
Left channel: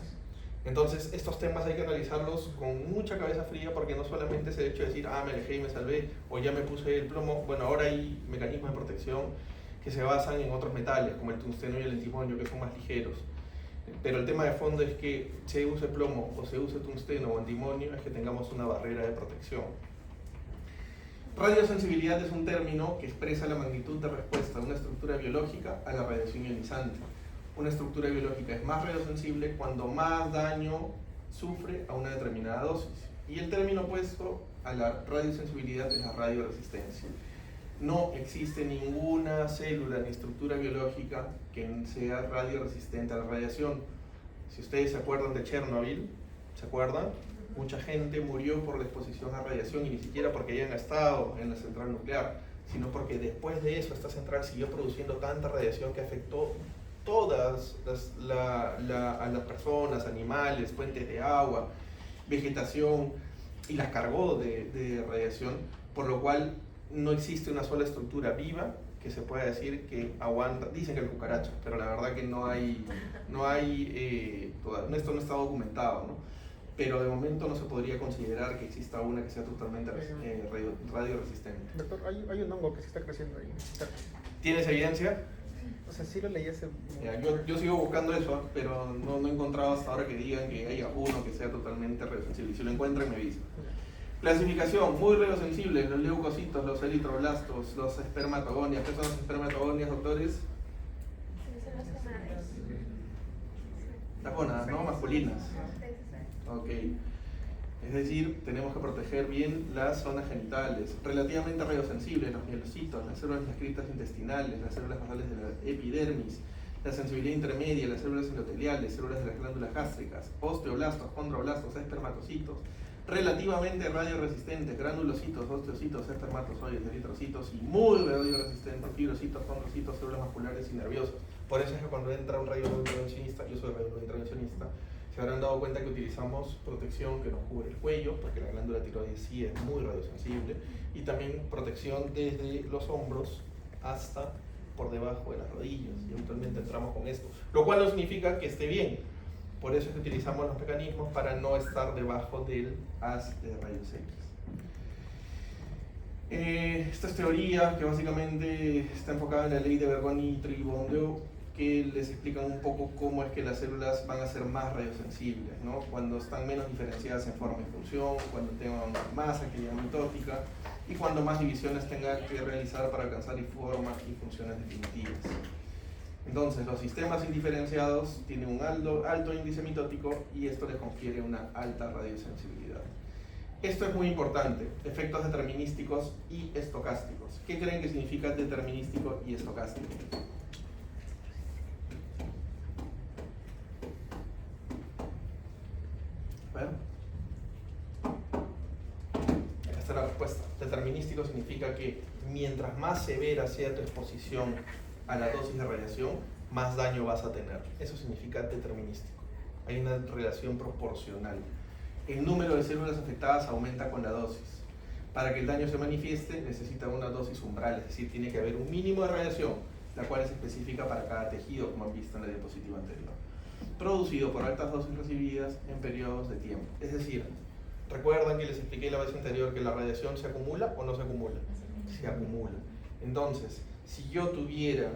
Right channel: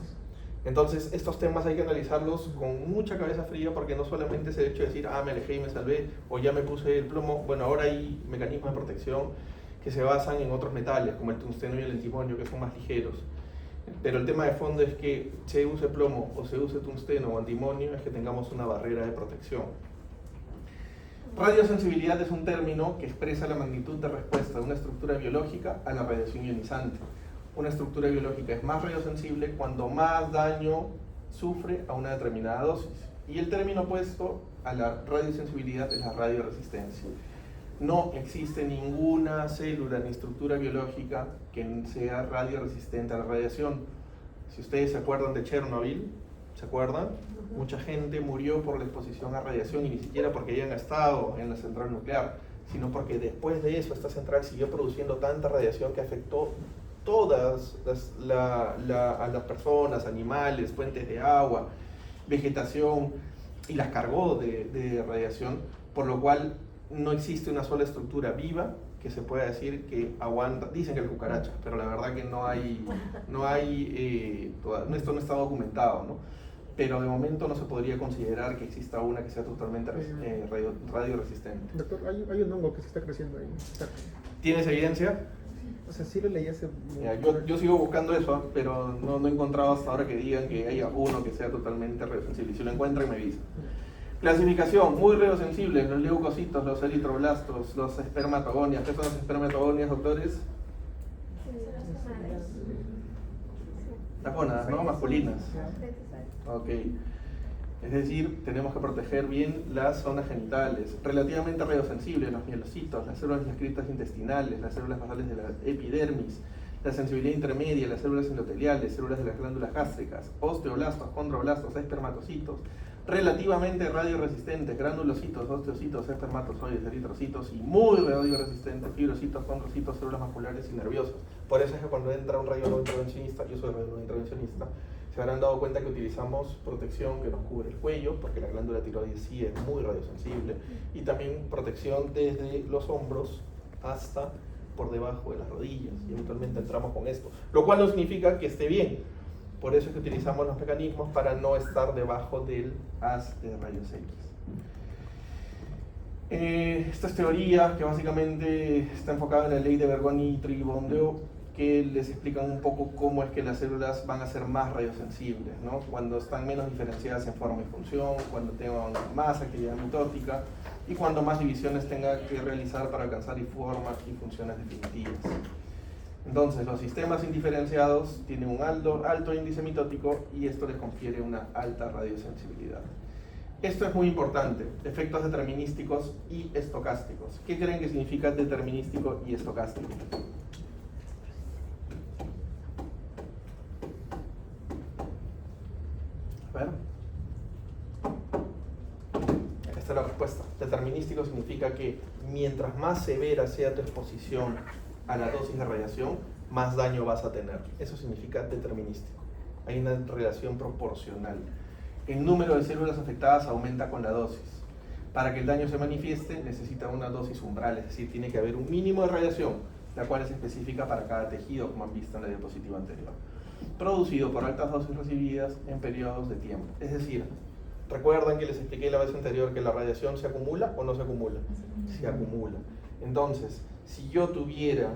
Entonces, estos temas hay que analizarlos con mucha cabeza fría, porque no solamente es el hecho de decir, me alejé y me salvé, o ya me puse el plomo. Bueno, ahora hay mecanismos de protección que se basan en otros metales, como el tungsteno y el antimonio, que son más ligeros. Pero el tema de fondo es que se use plomo o se use tungsteno o antimonio, es que tengamos una barrera de protección. Radiosensibilidad es un término que expresa la magnitud de respuesta de una estructura biológica a la radiación ionizante. Una estructura biológica es más radiosensible cuando más daño sufre a una determinada dosis. Y el término opuesto a la radiosensibilidad es la radioresistencia. No existe ninguna célula ni estructura biológica que sea radioresistente a la radiación. Si ustedes se acuerdan de Chernobyl, ¿se acuerdan? Mucha gente murió por la exposición a radiación, y ni siquiera porque hayan estado en la central nuclear, sino porque después de eso esta central siguió produciendo tanta radiación que afectó todas a las personas, animales, fuentes de agua, vegetación, y las cargó de radiación, por lo cual no existe una sola estructura viva que se pueda decir que aguanta. Dicen que el cucaracha, pero la verdad que esto no está documentado, ¿no? Pero de momento no se podría considerar que exista una que sea totalmente radioresistente. Doctor, hay un hongo que se está creciendo ahí. ¿Tienes evidencia? O sea, sí lo leí hace... Yo sigo buscando eso, pero no he encontrado hasta ahora que digan que haya uno que sea totalmente radiosensible. Si lo encuentran, me avisan. Clasificación: muy radiosensible, los leucocitos, los eritroblastos, los espermatogonias. ¿Qué son las espermatogonias, doctores? Las gónadas, ¿no? Masculinas. Ok. Es decir, tenemos que proteger bien las zonas genitales. Relativamente radiosensibles, los mielocitos, las células descritas intestinales, las células basales de la epidermis, la sensibilidad intermedia, las células endoteliales, células de las glándulas gástricas, osteoblastos, condroblastos, espermatocitos. Relativamente radioresistentes, granulocitos, osteocitos, espermatozoides, eritrocitos, y muy radioresistentes, fibrocitos, condrocitos, células musculares y nerviosas. Por eso es que cuando entra un radiointervencionista, yo soy radiointervencionista, se habrán dado cuenta que utilizamos protección que nos cubre el cuello, porque la glándula tiroides sí es muy radiosensible, y también protección desde los hombros hasta por debajo de las rodillas, y eventualmente entramos con esto, lo cual no significa que esté bien, Por eso es que utilizamos los mecanismos para no estar debajo del haz de rayos X. Esta es teoría que básicamente está enfocada en la ley de Bergoni y Tribondeo, que les explican un poco cómo es que las células van a ser más radiosensibles, ¿no? Cuando están menos diferenciadas en forma y función, cuando tengan más actividad mitótica y cuando más divisiones tengan que realizar para alcanzar formas y funciones definitivas. Entonces, los sistemas indiferenciados tienen un alto índice mitótico y esto les confiere una alta radiosensibilidad. Esto es muy importante, efectos determinísticos y estocásticos. ¿Qué creen que significa determinístico y estocástico? Bueno, esta es la respuesta. Determinístico significa que mientras más severa sea tu exposición a la dosis de radiación, más daño vas a tener. Eso significa determinístico. Hay una relación proporcional. El número de células afectadas aumenta con la dosis. Para que el daño se manifieste, necesita una dosis umbral, es decir, tiene que haber un mínimo de radiación, la cual es específica para cada tejido, como han visto en la diapositiva anterior, producido por altas dosis recibidas en periodos de tiempo. Es decir, ¿recuerdan que les expliqué la vez anterior que la radiación se acumula o no se acumula? Se acumula. Entonces, si yo tuviera,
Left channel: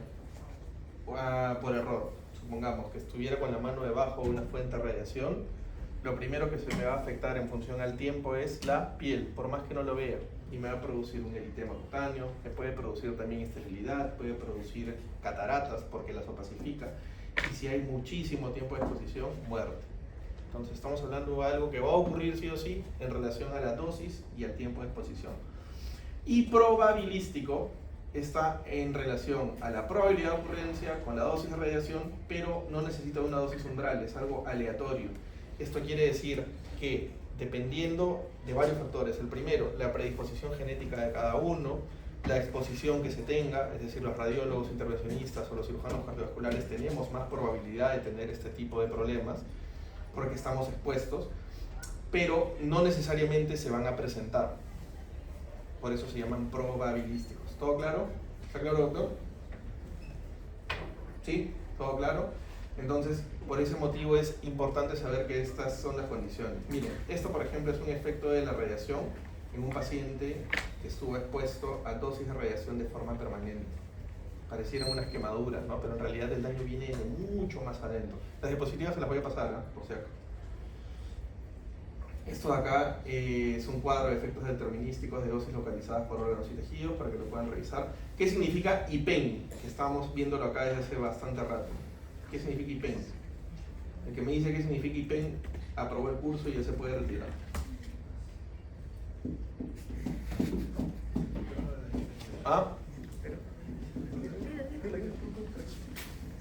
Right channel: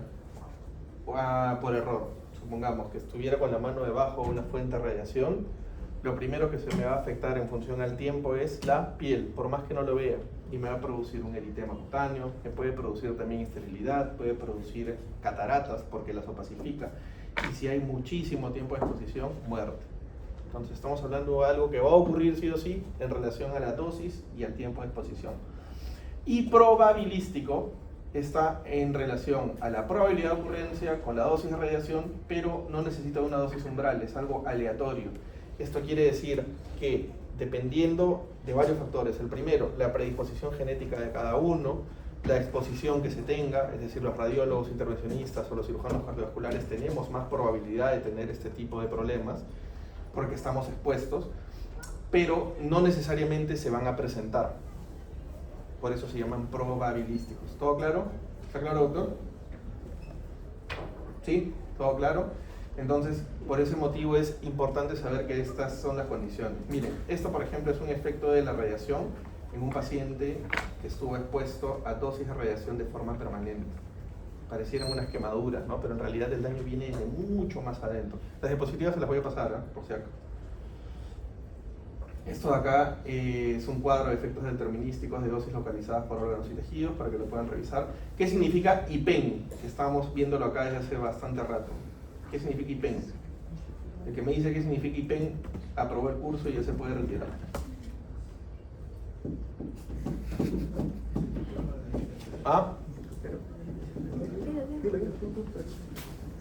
por error, supongamos que estuviera con la mano debajo de una fuente de radiación, lo primero que se me va a afectar en función al tiempo es la piel, por más que no lo vea, y me va a producir un eritema cutáneo, que puede producir también esterilidad, puede producir cataratas porque las opacifica, y si hay muchísimo tiempo de exposición, muerte. Entonces estamos hablando de algo que va a ocurrir sí o sí en relación a la dosis y al tiempo de exposición. Y probabilístico está en relación a la probabilidad de ocurrencia con la dosis de radiación, pero no necesita una dosis umbral, es algo aleatorio. Esto quiere decir que dependiendo de varios factores, el primero, la predisposición genética de cada uno, la exposición que se tenga, es decir, los radiólogos intervencionistas o los cirujanos cardiovasculares tenemos más probabilidad de tener este tipo de problemas porque estamos expuestos, pero no necesariamente se van a presentar. Por eso se llaman probabilísticos. ¿Todo claro? ¿Está claro, doctor? ¿Sí? ¿Todo claro? Entonces, por ese motivo es importante saber que estas son las condiciones. Miren, esto por ejemplo es un efecto de la radiación en un paciente que estuvo expuesto a dosis de radiación de forma permanente. Parecieran unas quemaduras, ¿no? Pero en realidad el daño viene de mucho más adentro. Las diapositivas se las voy a pasar, ¿eh? Por si acaso. Esto de acá es un cuadro de efectos determinísticos de dosis localizadas por órganos y tejidos para que lo puedan revisar. ¿Qué significa IPEN? Estamos viéndolo acá desde hace bastante rato. ¿Qué significa IPEN? El que me dice qué significa IPEN aprobó el curso y ya se puede retirar. ¿Ah?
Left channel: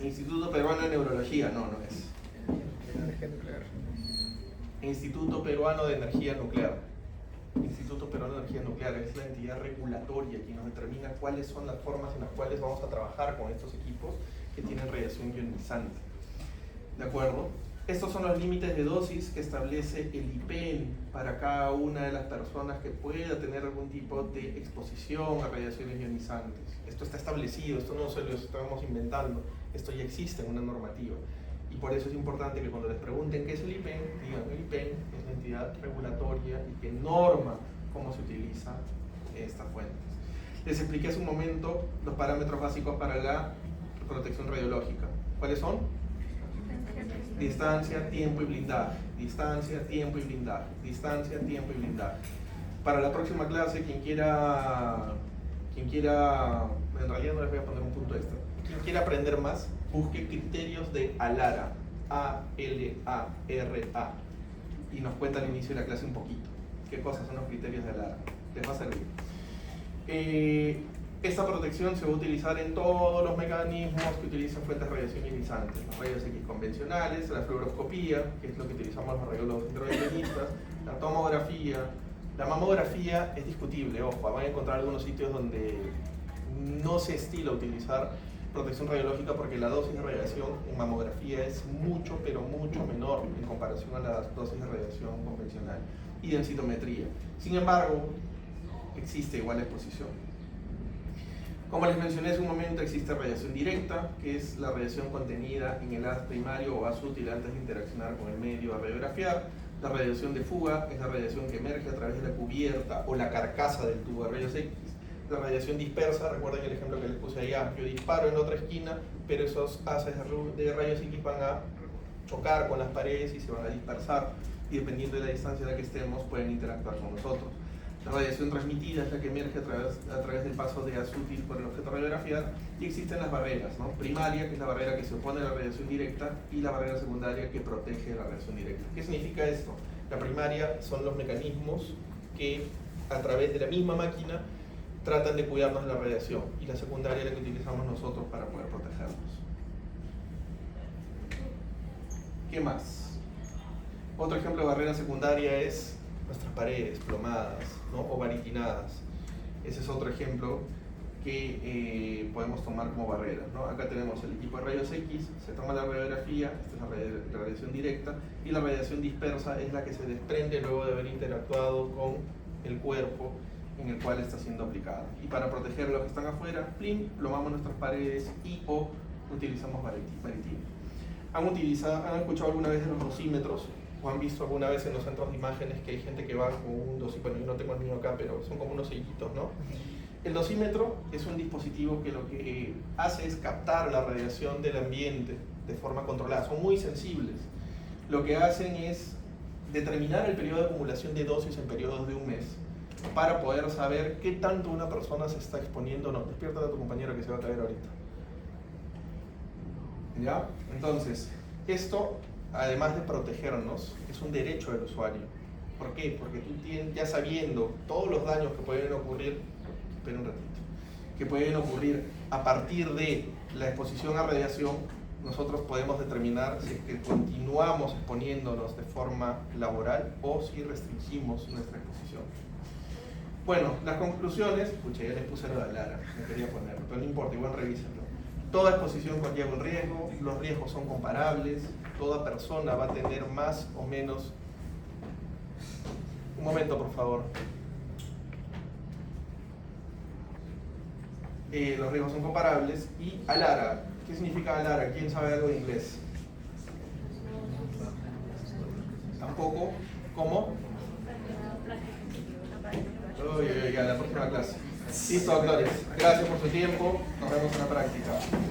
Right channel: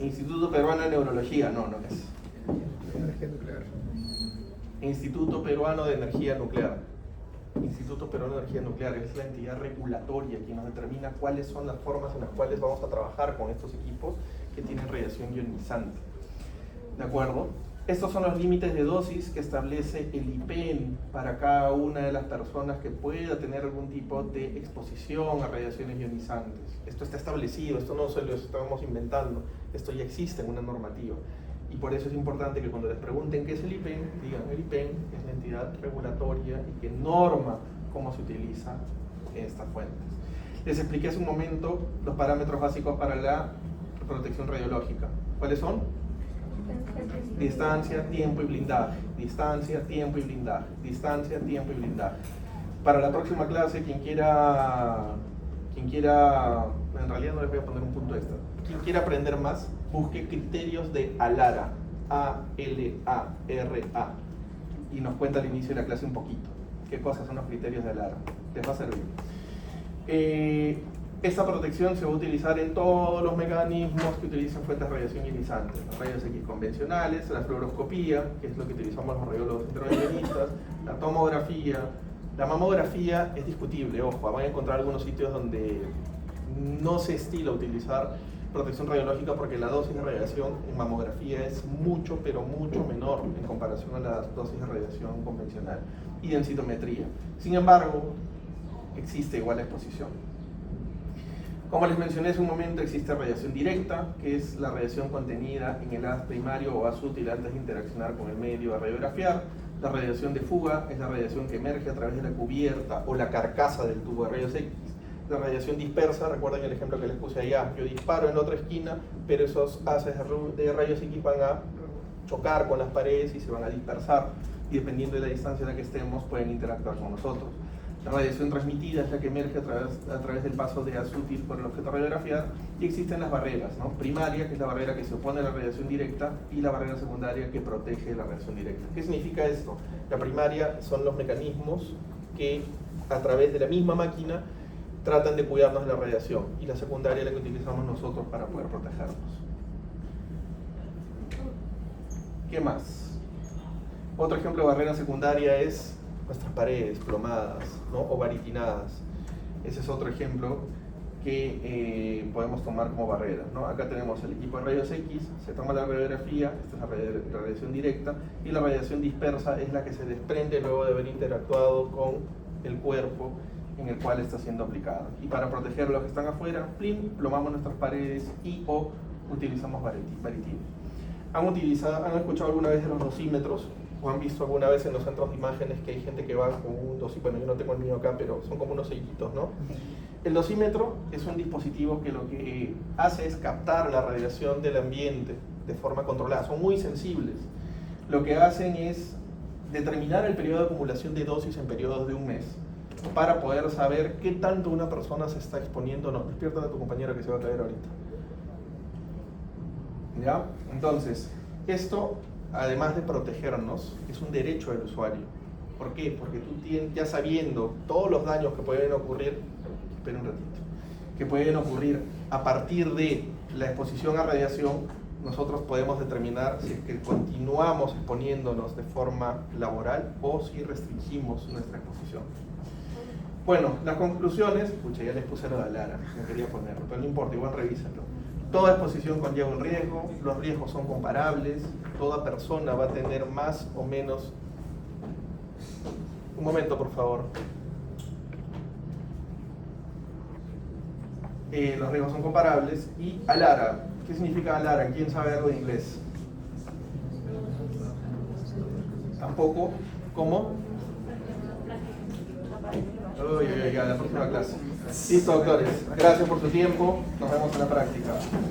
Instituto Peruano de Neurología, no es. Instituto Peruano de Energía Nuclear. Instituto Peruano de Energía Nuclear es la entidad regulatoria quien nos determina cuáles son las formas en las cuales vamos a trabajar con estos equipos que tienen radiación ionizante. ¿De acuerdo? Estos son los límites de dosis que establece el IPEN para cada una de las personas que pueda tener algún tipo de exposición a radiaciones ionizantes. Esto está establecido, esto no se lo estamos inventando, esto ya existe en una normativa. Y por eso es importante que cuando les pregunten qué es el IPEN, digan el IPEN es la entidad regulatoria y que norma cómo se utilizan estas fuentes. Les expliqué hace un momento los parámetros básicos para la protección radiológica. ¿Cuáles son? Distancia, tiempo y blindaje. Distancia, tiempo y blindaje. Distancia, tiempo y blindaje. Para la próxima clase, quien quiera, en realidad no les voy a poner un punto extra. Quien quiera aprender más, busque criterios de ALARA, A-L-A-R-A, y nos cuenta al inicio de la clase un poquito qué cosas son los criterios de ALARA. Les va a servir. Esta protección se va a utilizar en todos los mecanismos que utilizan fuentes de radiación ionizantes, los rayos X convencionales, la fluoroscopía, que es lo que utilizamos los radiólogos intervencionistas, la tomografía. La mamografía es discutible, ojo, van a encontrar algunos sitios donde no se estila utilizar protección radiológica porque la dosis de radiación en mamografía es mucho, pero mucho menor en comparación a la dosis de radiación convencional y densitometría. Sin embargo, existe igual exposición. Como les mencioné hace un momento, existe radiación directa, que es la radiación contenida en el haz primario o haz útil antes de interaccionar con el medio a radiografiar. La radiación de fuga es la radiación que emerge a través de la cubierta o la carcasa del tubo de rayos X. La radiación dispersa, recuerden el ejemplo que les puse allá, yo disparo en otra esquina, pero esos haces de rayos X van a chocar con las paredes y se van a dispersar, y dependiendo de la distancia a la que estemos pueden interactuar con nosotros. La radiación transmitida es la que emerge a través del paso de haz útil por el objeto a radiografiar, y existen las barreras, ¿no? Primaria, que es la barrera que se opone a la radiación directa, y la barrera secundaria que protege de la radiación directa. ¿Qué significa esto? La primaria son los mecanismos que a través de la misma máquina tratan de cuidarnos de la radiación, y la secundaria es la que utilizamos nosotros para poder protegernos. ¿Qué más? Otro ejemplo de barrera secundaria es nuestras paredes plomadas, ¿no? O baritinadas. Ese es otro ejemplo que podemos tomar como barrera, ¿no? Acá tenemos el equipo de rayos X, se toma la radiografía, esta es la radiación directa, y la radiación dispersa es la que se desprende luego de haber interactuado con el cuerpo en el cual está siendo aplicada. Y para proteger a los que están afuera, plomamos nuestras paredes y o utilizamos baritinas. ¿Han escuchado alguna vez de los dosímetros? ¿O han visto alguna vez en los centros de imágenes que hay gente que va con un dosímetro? Bueno, yo no tengo el mío acá, pero son como unos sellitos, ¿no? El dosímetro es un dispositivo que lo que hace es captar la radiación del ambiente de forma controlada. Son muy sensibles. Lo que hacen es determinar el periodo de acumulación de dosis en periodos de un mes para poder saber qué tanto una persona se está exponiendo o no. Despierta a tu compañera que se va a traer ahorita. ¿Ya? Entonces, esto, además de protegernos, es un derecho del usuario. ¿Por qué? Porque tú ya sabiendo todos los daños que pueden ocurrir, espera un ratito, que pueden ocurrir a partir de la exposición a radiación, nosotros podemos determinar si es que continuamos exponiéndonos de forma laboral o si restringimos nuestra exposición. Bueno, las conclusiones, pucha, ya les puse lo de Lara, no quería ponerlo, pero no importa, igual revísenlo. Toda exposición conlleva un riesgo, los riesgos son comparables, toda persona va a tener más o menos... Un momento, por favor. Los riesgos son comparables. Y ALARA, ¿qué significa ALARA? ¿Quién sabe algo de inglés? Tampoco. ¿Cómo? Oye, ya, la próxima clase. Listo, doctores. Gracias por su tiempo. Nos vemos en la práctica.